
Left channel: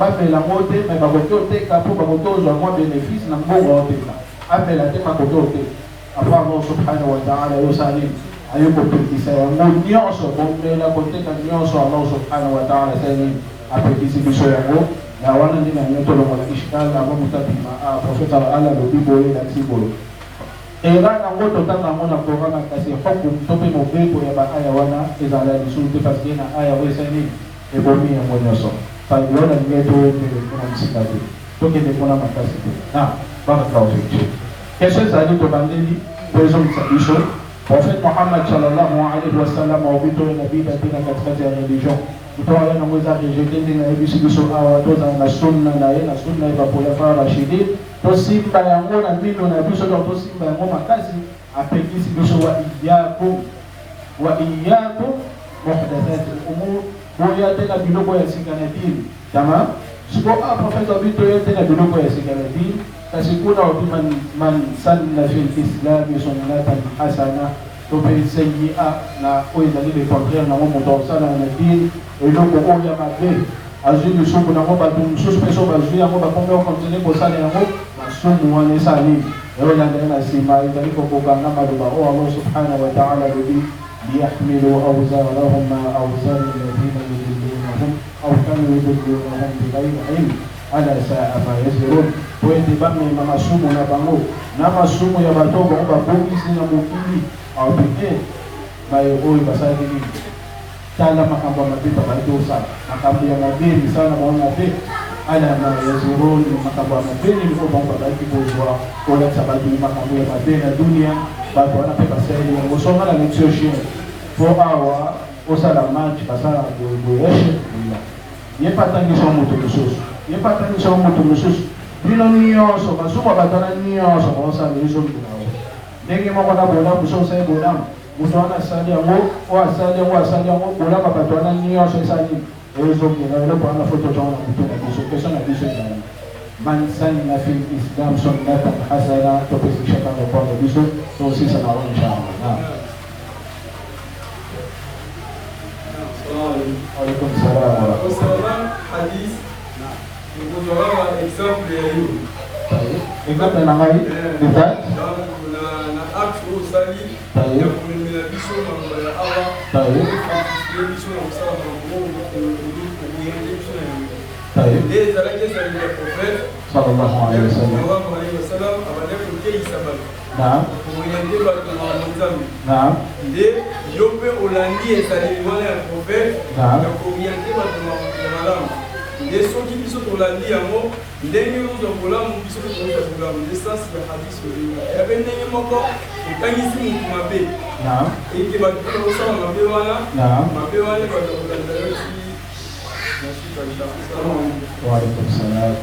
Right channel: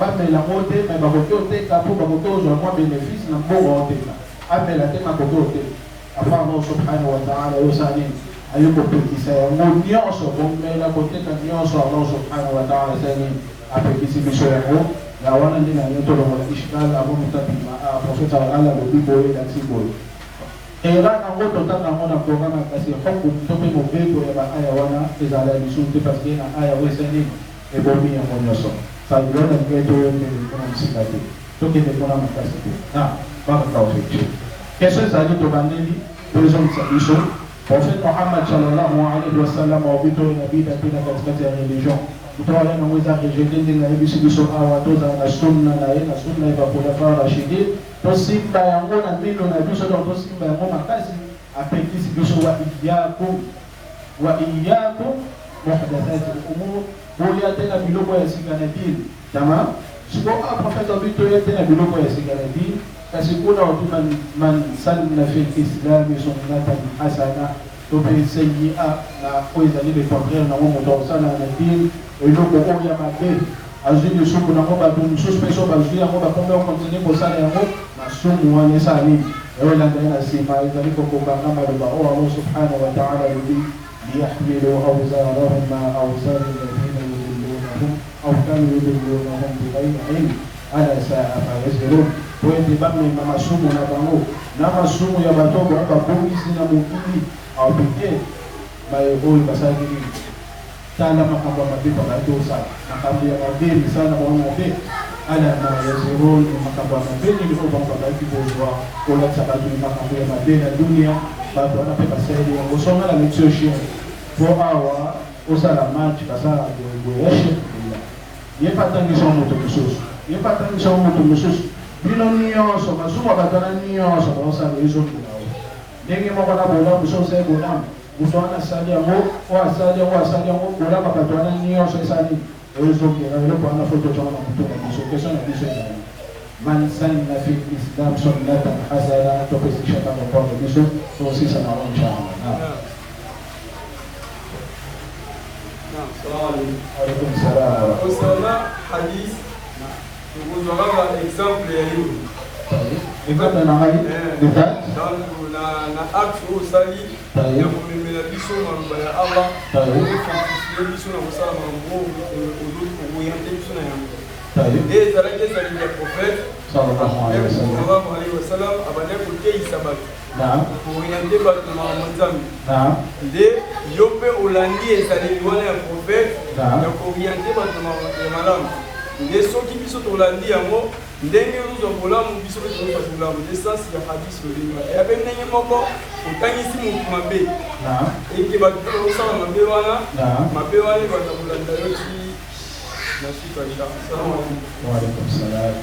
bamelango te me bakoki oteka mpo bakoki ozwa mwa bénéfice na mbongo oteka amela te makoki oteka apo Allah subhanahu wa ta'ala oyosala nini ayokopekisa yango nyonso bomela koteka nyonso Allah subhanahu wa ta'ala sani apekisi biso yango na wana ndina yango tolongola ishkali amo mitatima profeta ala lobi boye lakisi boye era nango totanga yango na programa kasi foko tope mobeto ya baaya wana ezala lisusu te parce que na aya oyo esali ebomi yango nyonso salilona lingai toyendele mpona mosika te tokende mpona makasi te na bakakaozoce question ezali tobandeli po ezongisa biso prophète Mohammed sallallahu alayhi wa sallam obito na bida tena katikati ya religion kutawala na mweza rejeté na ebisi biso awa tozanga na sunna na ye na sunna ya khulafa rashidin tosimba yango na mino na biso donc tosimba yango makasi apekisi biso wa iyyakum muhdathat al-umur boya tena biloko ya sika na dini tama siko prophète obito ye tena biloko ya sika na dini kasi kuna watu man sanna fil islam sunnatan hasana to bil sayyi'a na oizali le contraire na mo to sana na din eloko oya mabe azuli suku na mo ba dum suspension ba zuli ngo ba kombe continue ko sana ngo na sumu wane sali wala ndana sima izali ko kanga maduba o Allah subhanahu wa ta'ala bi liyahmilu awzarahum ma awzar alladhina yudillunahum aw kanu yudillunahum bighayri ilm ala sa'a ma yazrun poete bamwe na masumu na bango na masumu ya batoko ba polisi na mukili au tete bayo oyo basala nini tala makambo mabita badosa makambo ya mabeni sana kwa mpe ala na yazurun makambo ya mabeni ndio bongo ba kibozwa kola tabadi makambo ya mabeni ya dunia bato wanapepa seli ya ngosonga na mtioshio po awa osala match basala ndio yeshi yepatangisha moto mususu bino nyonso basuka batana nyonso basala izo ndinawo ndenge moko na bola busosa ebola mutu anasali yango asali yango bola batana nyonso esali ezo kena eloko wana foto tonga mutu na biso kesho na biso na man sanna fil islam sunnatan hasana topesisha kama kwa biso to sisa na inshallah. Alaikum salam. Kusala hadith kutoa example ya hiyo. Example na hai kita na akfu sali ya kumimila biso na mbele ya Allah kwa biso na msala na Mungu biso na et ça les amis du prophète sallallahu alayhi wa sallam abane ko kei sabab na ko ilande ba ko na nzambe na de yope olandi ezali wana ya prophète na ko ilande ba ko na malamu de soki biso tolandi yango ndenge ozo molamu biso ko toza molamu de sens ya hadith olinga ya ndenge moko ekangisi mutu mabe na eke ba ko osala mabe wana na mabe wana ba ko ndenge وعليكم السلام.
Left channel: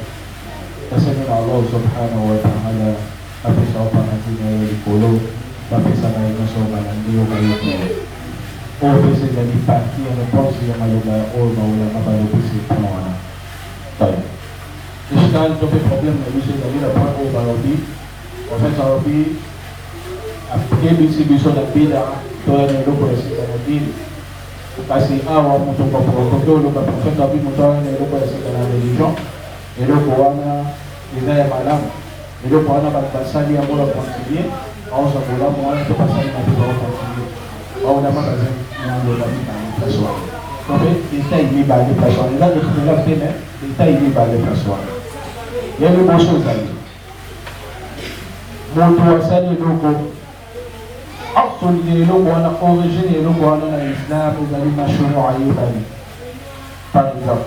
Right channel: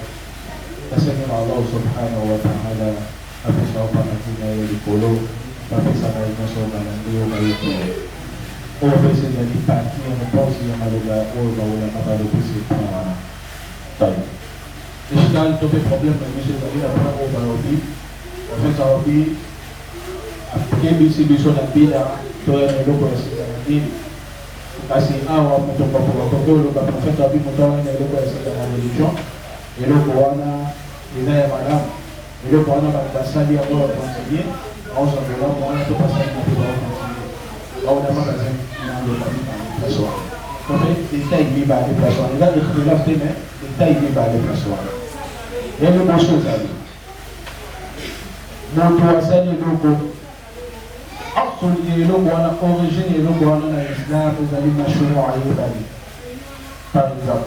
Nasema Allah subhanahu wa ta'ala afisha majina yalikolo bafisa na nyosho manandio mayote ofisi za nipati na posi ya maloga oga ula mabalo kusi kwa tani ishkali tope problem na bishi ya lila pango da obi wafeta obi apikebisi biso na bida toya na lupo ya sita na dini kasi awa mtu kwa protokolo kwa profeta bi mtoa na lupo ya sita na religion eloko wana idhaa ya madamu eloko wana bakasali ya bora kwa mtie au za madamu wana tupasali na kwa mtie au na magazi na ndio kwa mtie donc il ni ba de personne il a des ikhtilaf tena il ni ba de personne yani mosho zaidi mtu wasali loko أصل يلوم وأنا أوريجين يلوم وأنا الإسلام وبني مشروع يبني طيب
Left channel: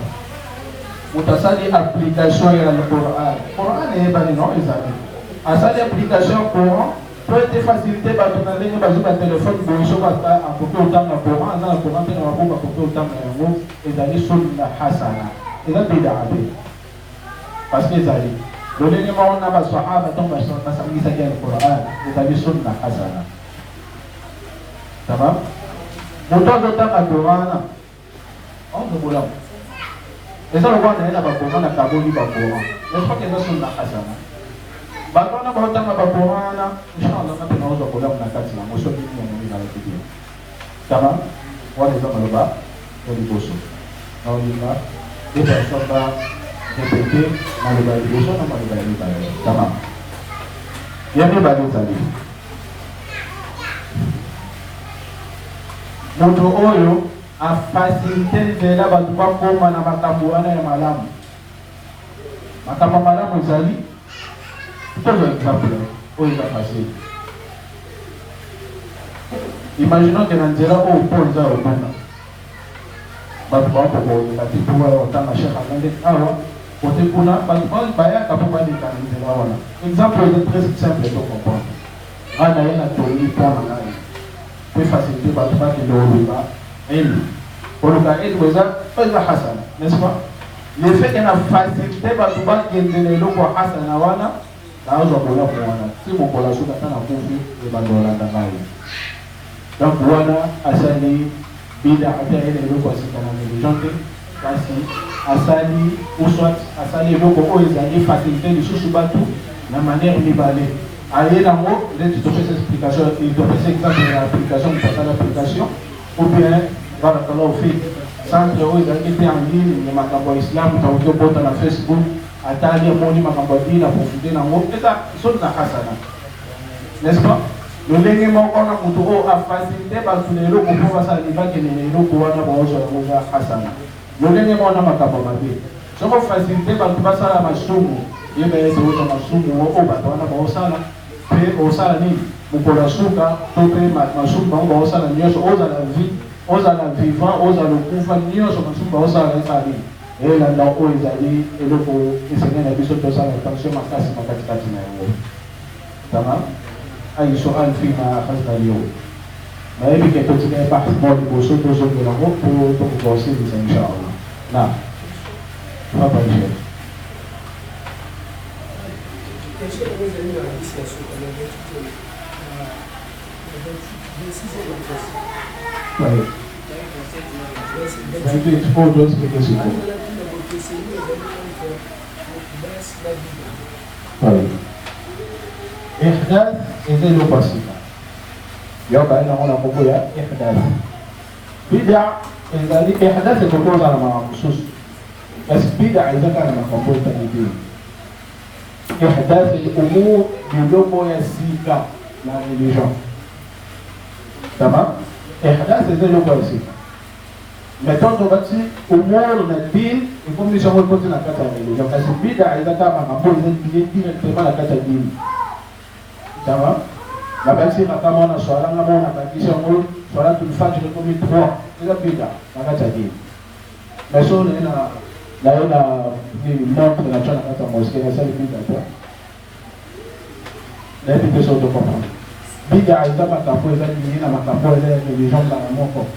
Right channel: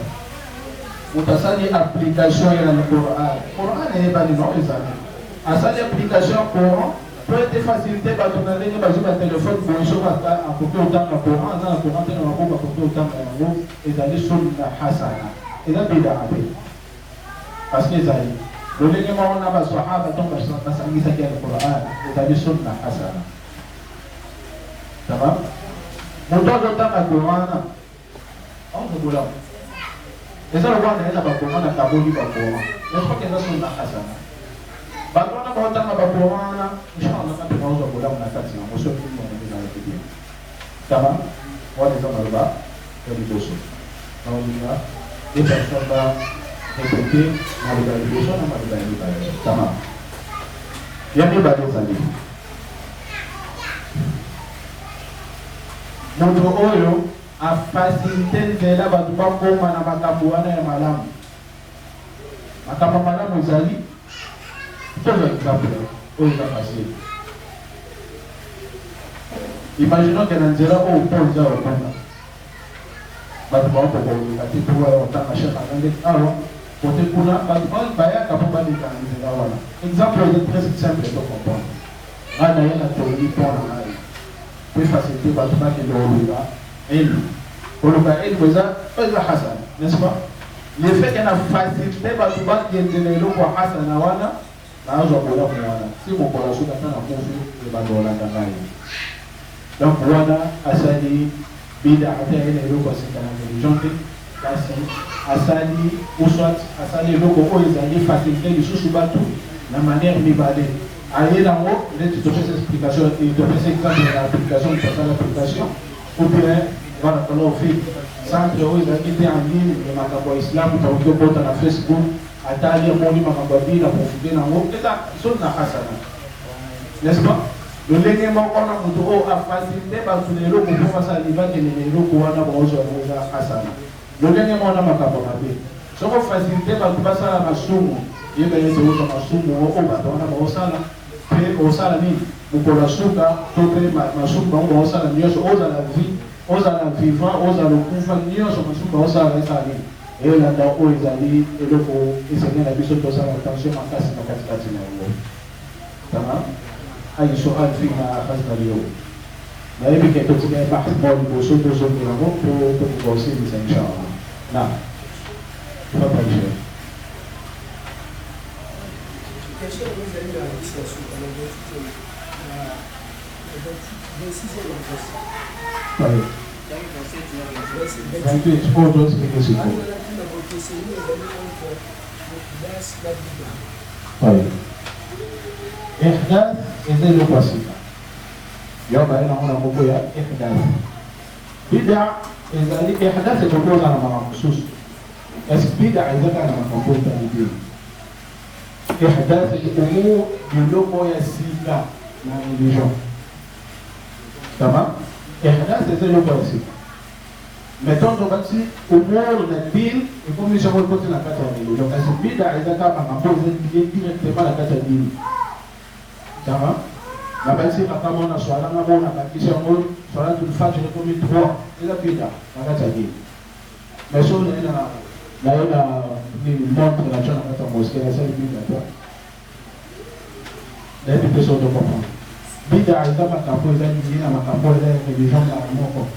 utasali application ya Qur'an. Qur'an yebani no ezali. Asali application Qur'an peut être facilité ba tunalenge ba zuka téléphone bo so ba akope utanga Qur'an na Qur'an tena wakuba akope utanga yango ezali sunna hasana. ila bid'a parce que zali dole ni maona ba sahaba to ba nasabisa kwa Qur'an itabi sunna hasana tamam mtoto taka kuona au mbula esa lo bwana ila ba kuona kabuli ba kuona yeso ke sunna hasana batona ba utanga ba kuona inshallah kama tunaweza kuona na kati na mwisho ni na kitu tamam wale kama ba wali boso na wali et personne va répéter dans les validations, dans les validations. Ça va. Il y a des validations. Moto oyo a facilité vela batu bakoma na makambo wana ya malamu. Makambo malamu ezali. Tozo exemple oyo za facile. Imaginons que na nzela oyo toza okona. Batu bakoma batu otanga Sheikh Ahmed awa côté kuna batu bayaka po bali kanisa wana. Exemple est très simple de comprendre. Ana yana toli pour na pour faciliter batu bakilo elle oluka eza hasana, n'est-ce pas? Le fait qu'elle a facilité batu bakendele lokwa hasana wana nazo bola wana. Si mon bola shuka kana move e bandola ndangani. Donc wana asali bida apia ile lokwa sikana religion kasi asali uswat asali loko oyo ezali facilité lisusu batu na manière mibale aller dans mot de toute cette explication et de passer exemple de l'application de passer l'application ou bien voilà qu'on a fait centre oyo ezali te en ligne ya makambo ya islam utaokia bota na Facebook atali moni makambo bila profiter na mot eta sunna hasana, n'est-ce pas? Lolenge moko na mutu o afacilité batu lelo ko pasa libaki lelo ko wana bozo ya hasana. Lolenge mona makambo mabe soko facilité batu basala masumu yeba yezo uza masumu o batu wana bosala pe osala ni mukola suka to pe masumu ba osala nyoso oza la vie oza la vivant oza le kufa nyoso masumu osala nsali ela nda ko izali eloko isanya na biso to sala attention makasi makatikati na yango tamam. أي سؤال فيما أخذنا اليوم ما يبقى كتبنا بحث مولي بوصول بوصول إلى غط وتوصيل إن شاء الله. نعم تفضل شيخ. طيب لكن تقول دوس كتسيكو طيب إحداث إذن بسيطة يوقع أنا هنا مبويا إحداث بدع إذا لي إحداث تقول أنا مع خصوص بس بدع إذا كان مقبول تنيدين إحداث الأمور بلومو يسيكا لا ريليجون تمام إحداث إذن بسيطة mettons on va dire أمور الدين يكون ليش أول كنت نكتة ريليجون بس بدع إذا كان مقبول directement نكتة دين tamam na basi kama na swala ngamo na bakisha ngo swala tulifanya kwa 3 ila pita nakacha hii meso na ni montre la chana kata mosquée ça le pita toi la pita so de comprendre bida aida makambo eza ni na makambo eza religion na moko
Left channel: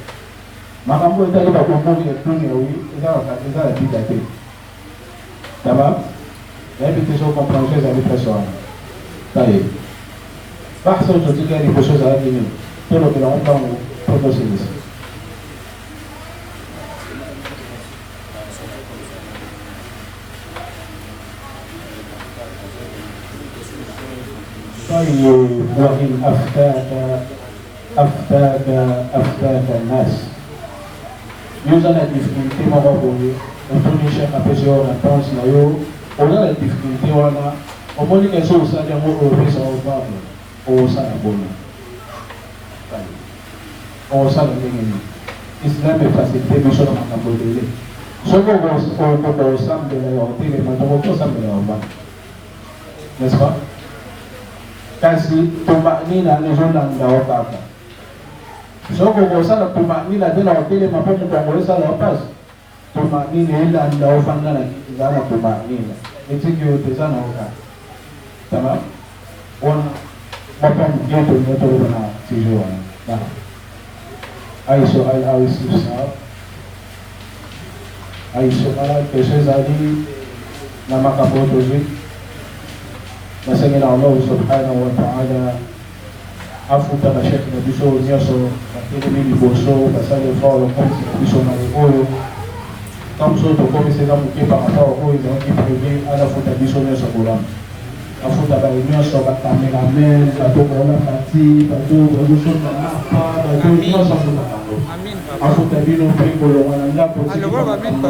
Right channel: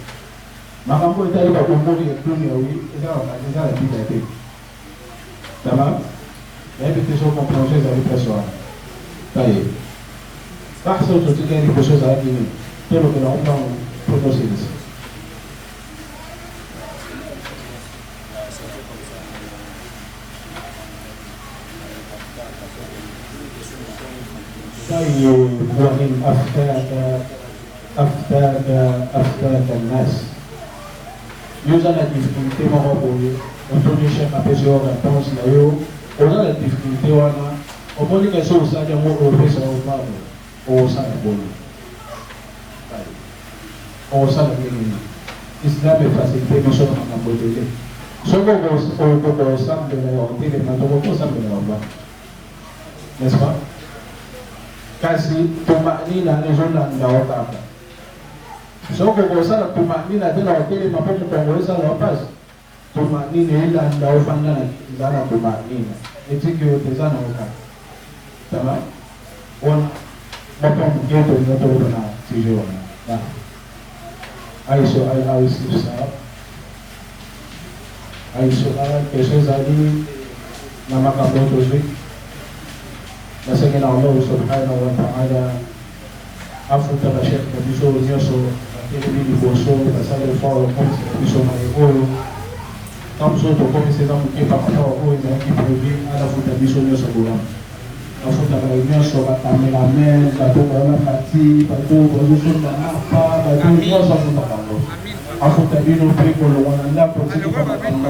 makambo eza ba kombo ya tuni oui eza eza la pita te tamam la pita so comprendre ça avec la soirée allez بحث وتتكلم بخصوص هذه من طرق العمرة والبروسيس. طيب وإن أفتاك الناس يوجد difficulté مغربية وفي شيء أبيزي ولا تونس لا يو ولا difficulté ولا وموني كسو سادة مو أوفيس أو بابل o sana bona o sana nini Islam est facilité mais sur la modèle soko o sambe na hotel na toko sambe na ba n'est-ce pas kasi tumanina na zona na baba soko o sana tumanina tena hotel na pomo kongolesa la paz tumanina ila ndio fanya na tumanina ndio tezana oka tamam on Bapak begitu betul benar tujuan. Nah, aisyah ay sumalat kay Zali na makamotozik. Nasangin Allah subhanahu wa ta'ala afuta na Sheikh na biso nyoso ili liboso basale fao kosi na biso na oyo tamso to komisi na mukepa mafao oyo na kiprevi alafuta biso nyoso bola afuta ba nyoso ba cameraman bato baona parti bato bozo na apa bato nyoso afuta kango afuta bino pe kolongana ndako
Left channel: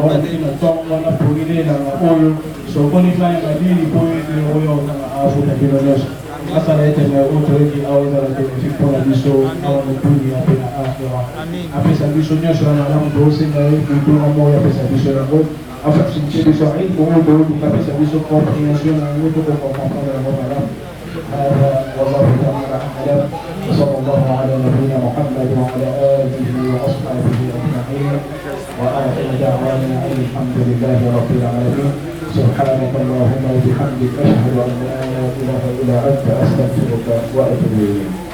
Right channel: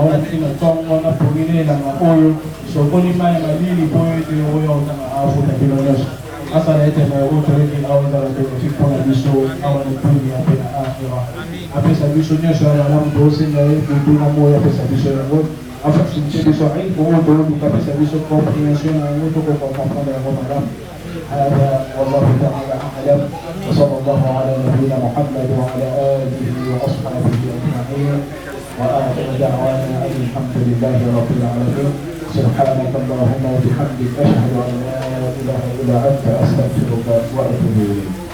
na kina tongo na polile na oyo sokoni mai madini poe ni oyo na afuta bino nyoso asa laite na oto wengi aweza la benefipo na biso awa ni pumi ya pina akhira apesa biso nyosho na alamu dosi na yudu na moya apesa biso ya god afa sinche biso ai kuhu dodu kapesa biso komprehension na yudu kwa kompana ya god alam هذا والله تعالى أعلم وصلى الله على نبينا محمد وعلى آله وأصحابه أجمعين وآخر دعوانا أن الحمد لله رب العالمين سبحانك اللهم وبحمدك أشهد أن لا إله إلا أنت أستغفرك وأتوب إليك